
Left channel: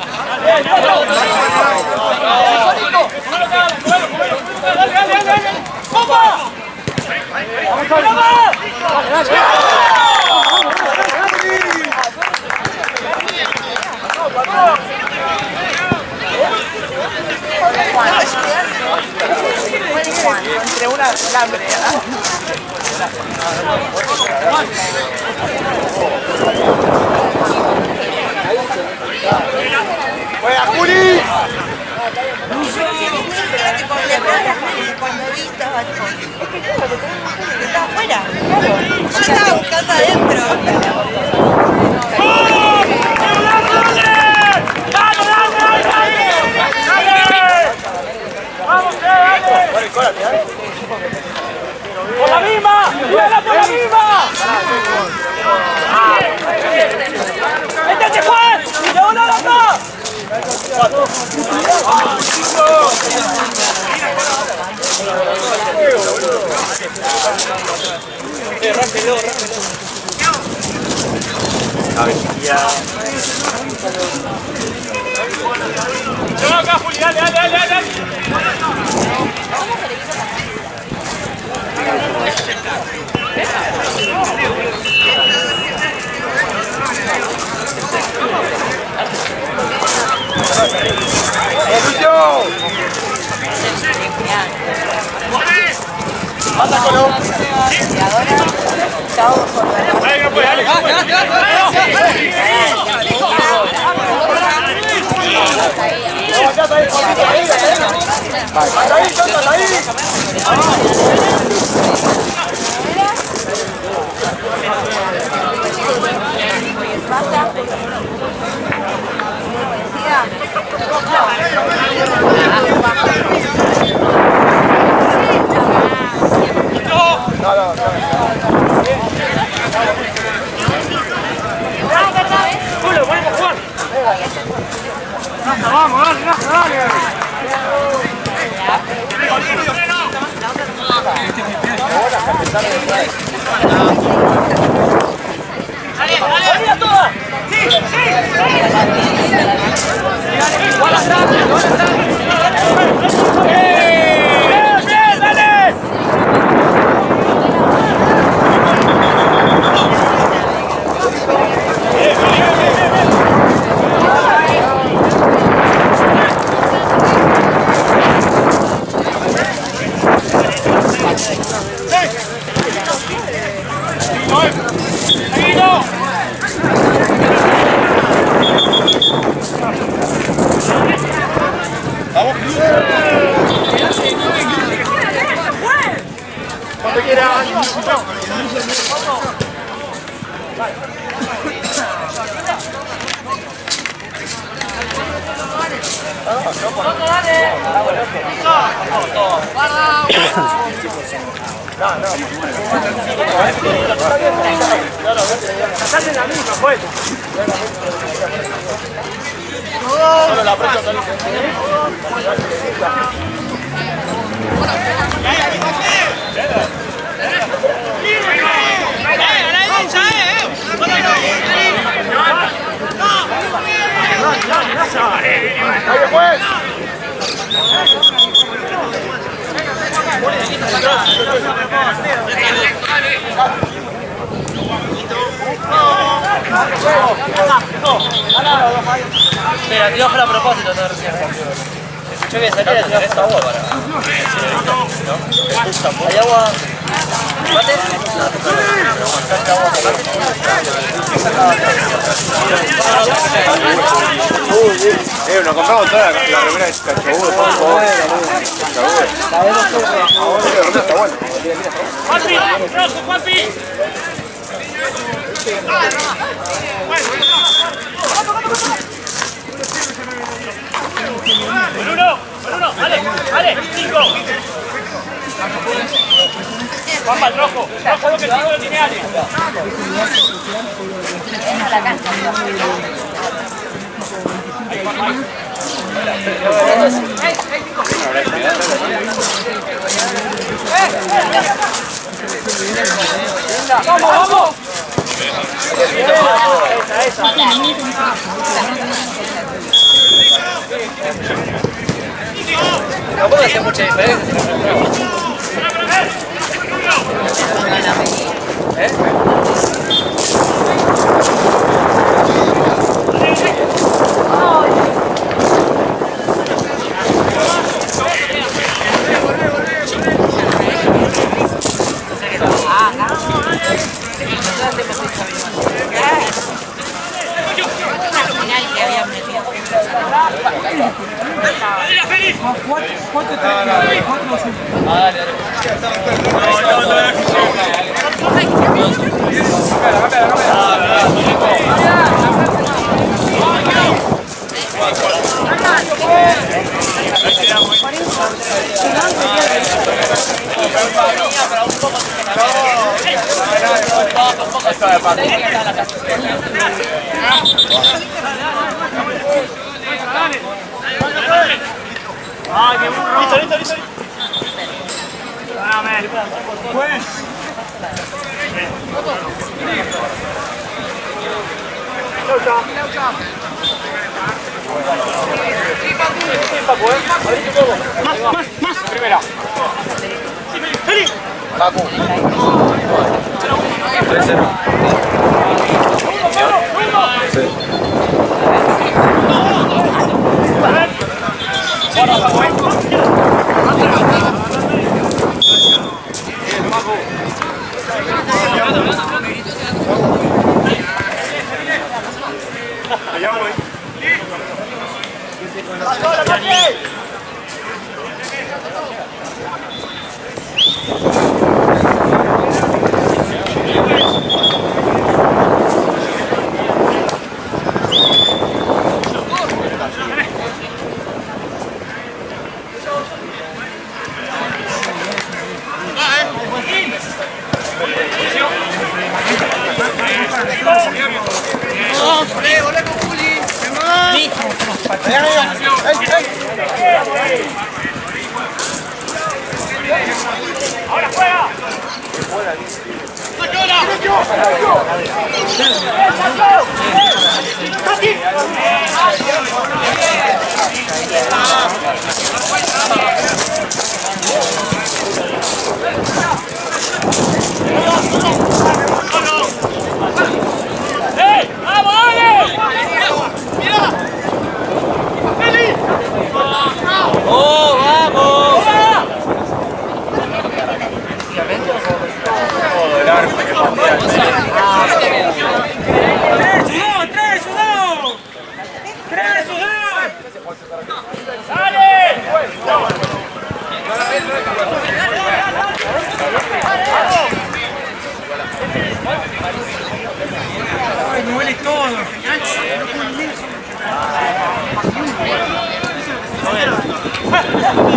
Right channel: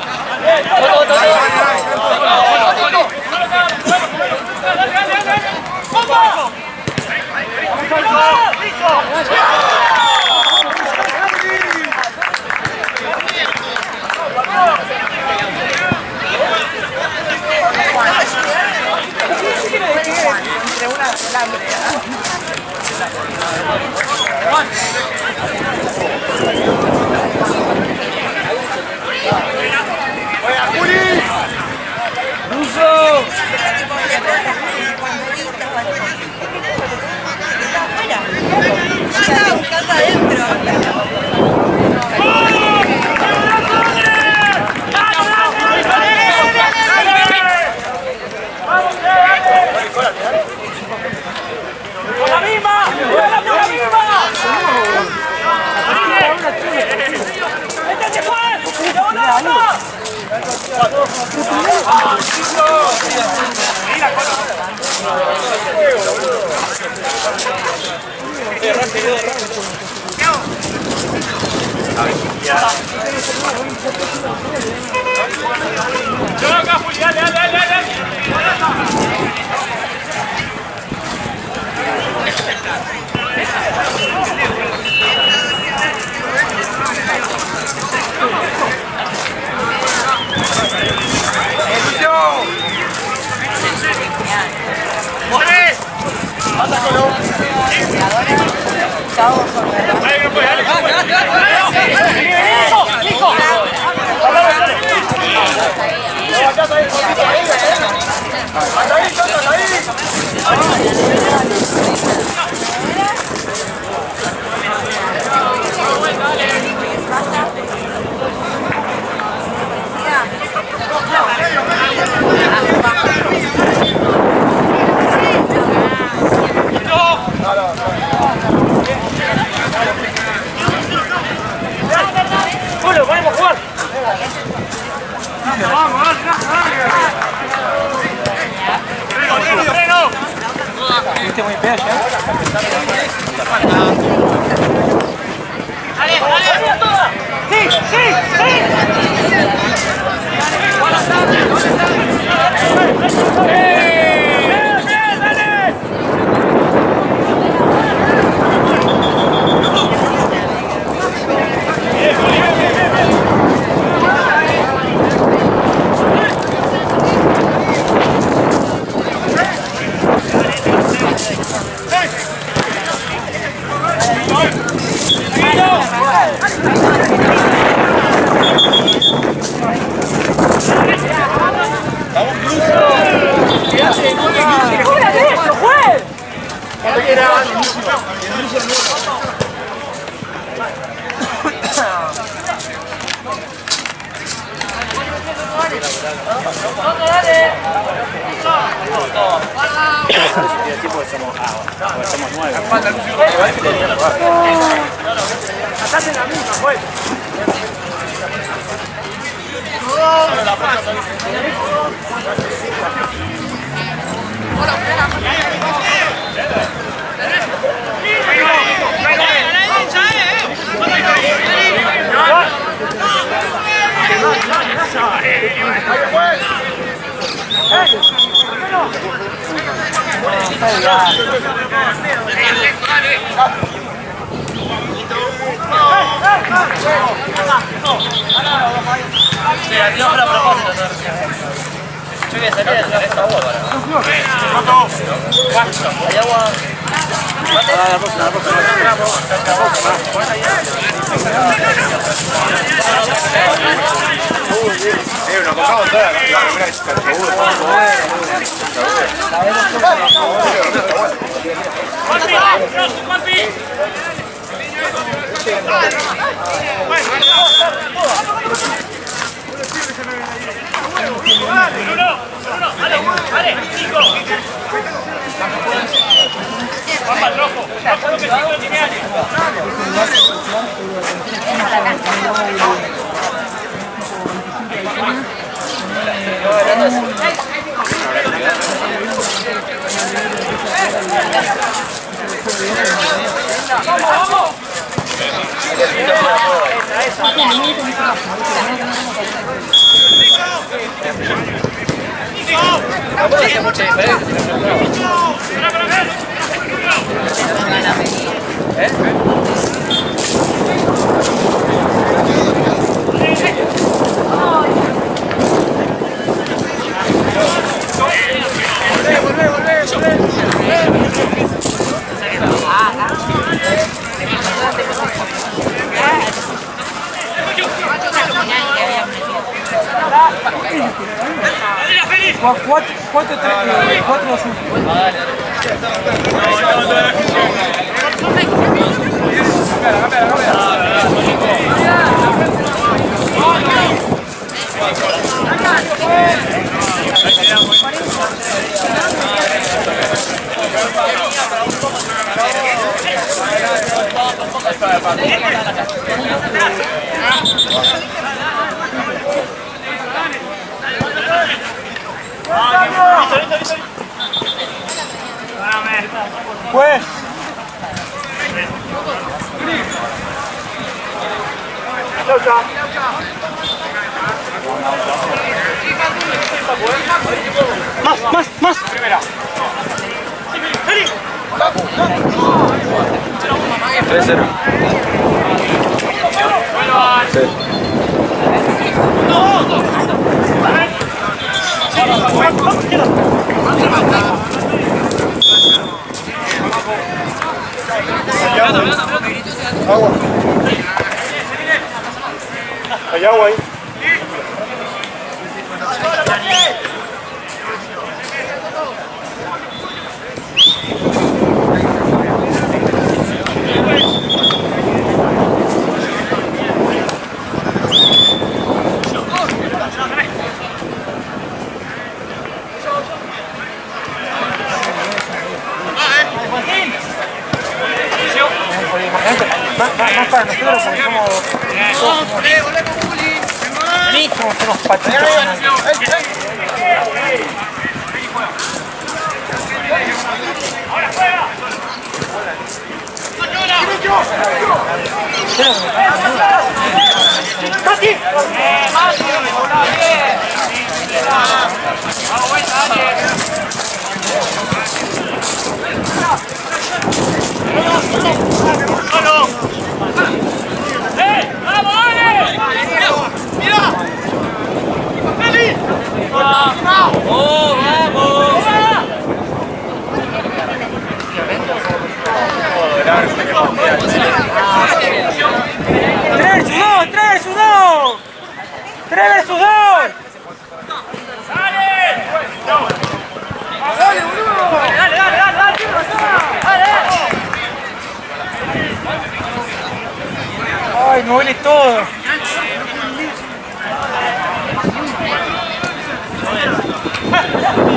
Entre una alambre. ¡Juega, Juli! Está afuera, claro. Yo estaba buscando adentro. ¡Con la misma! ¡Con la misma! ¡Este fue! ¡Llevó la otra! Acá, Juli, dale. Y ahora estamos con la Julio, ponemos a jugar. ¡Dale, dale! ¡Toda! ¡Sí, sí, sí! ¡Igual atrás! ¡Igual atrás! ¡Bien, bien, dale! ¡Bien, Juli, bien, bien, bien! Vamos, Cruz. ¡Quédate! ¡Eso fue! Cuando quieras. Estás en la misma, pues. Sí, la tiró a propósito, te decía. Yo que salía de hacer esta boba. Hay agua. Nos compramos toda la primera vez ¡Dale, Nico! ¡Vamos al rojo! ¡Rojo que Nico lo tiene alguien! ¡Vamos, vamos! No puede hacer mucha diferencia si no entraba. ¿Eh? Listo. Pues. Chau, chau. Más. Primera. 3-0. Sí. Hay agua ahí. Ahora juega. Ay, me duele todo. Abrí.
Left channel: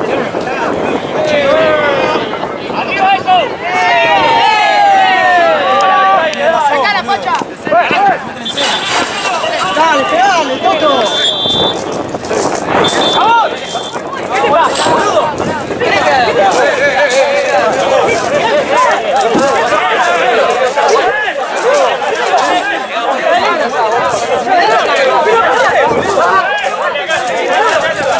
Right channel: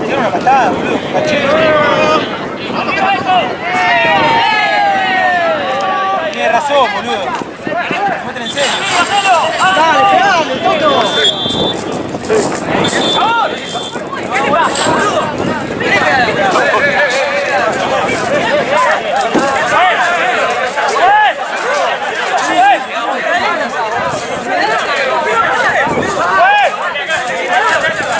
Le dieron una patada, boludo, con Pachero.